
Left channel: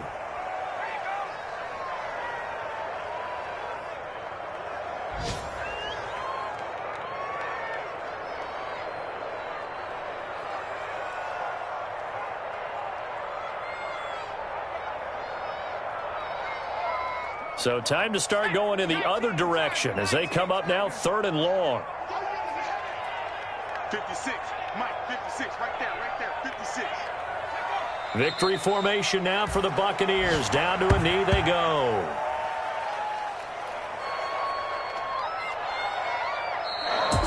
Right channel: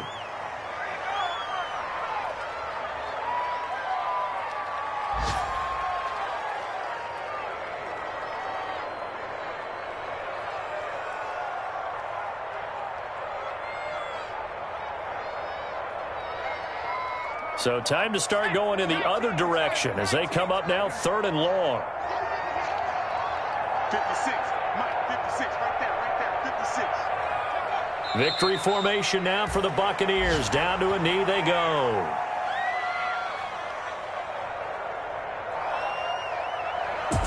So time to start going in the other direction as they come up now 3rd and long. 56, Mike, 56, right there, 56. Victory formation now for the Buccaneers. Down to a knee they go.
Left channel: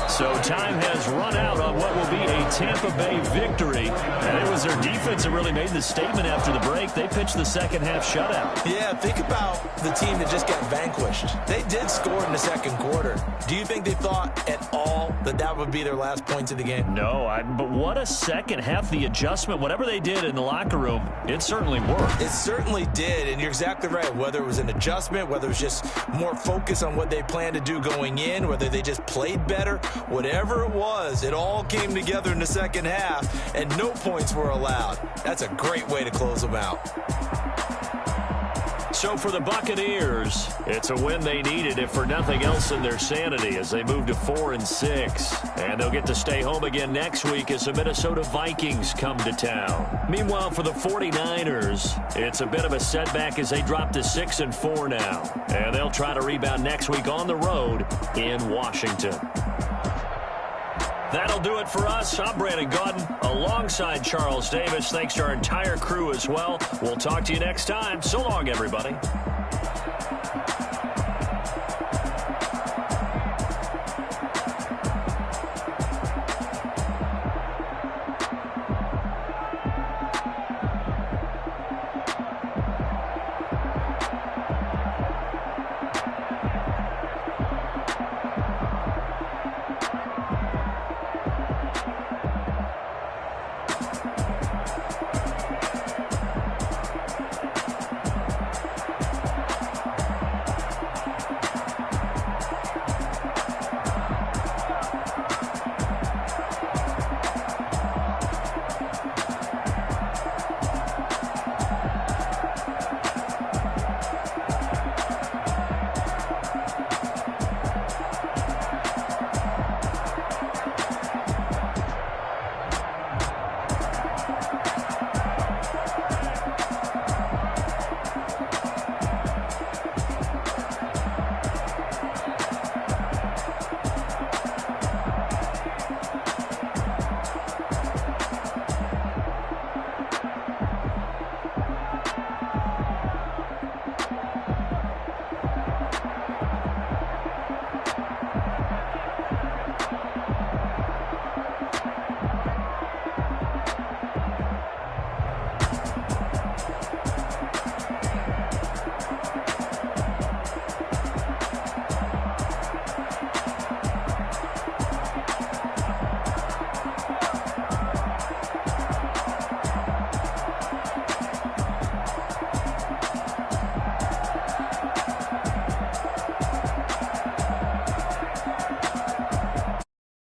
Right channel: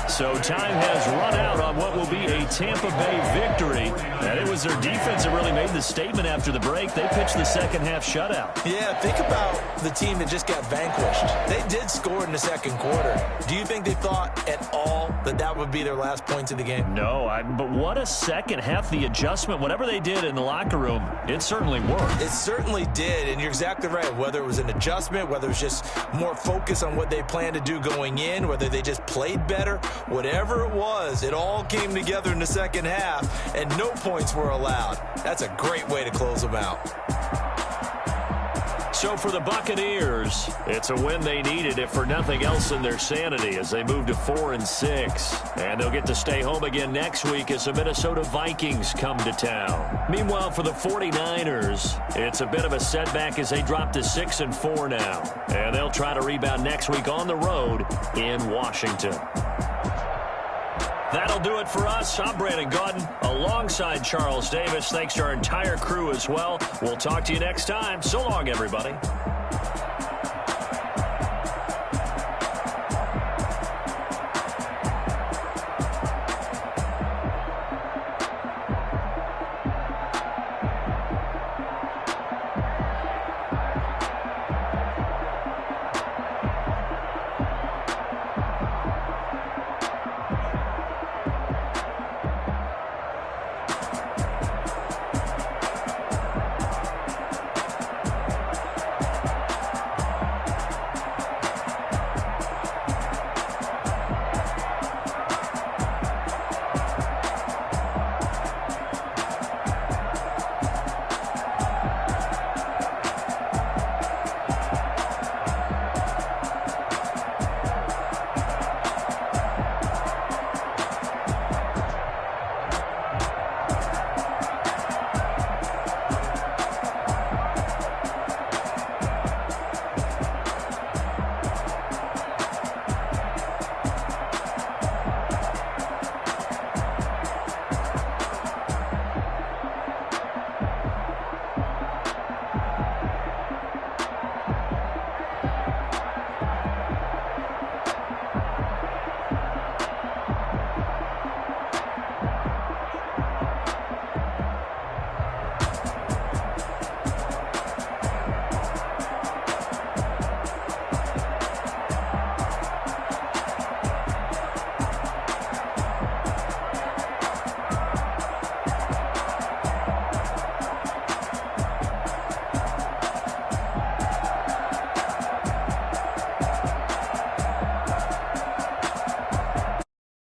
So time has run out on what will be a Tampa Bay victory. And it was their defense that really made the statement after the break. They pitched the 2nd half shutout. Yeah, think about the team that just got vanquished. They did score in the 2nd quarter. Do you think they thought at all that that would be their last points of the game? No, but what a 2nd half. The adjustment, whatever they did in the locker room, it certainly worked. It certainly did, and you're exactly right. Whether it was an adjustment, whether it was just more focus on what they planned to do going in, whether they just played better, Whatever it was, it all came together in the second half, and no points were allowed. That's a great way to close them out. So for the Buccaneers, it's a win they needed, if for nothing else in their sanity, as they move to 4-6. And they'll get to stay home again next week as the Minnesota Vikings come to town. Meanwhile, for the 49ers, it's a bit of a setback as they drop to 6-4 now. And they'll try to rebound next week on the road in Washington. That'll do it for us. I'm Brandon Gaudin alongside Charles Davis. Thanks to our entire crew as well. We'll talk to you next time. So long, everybody.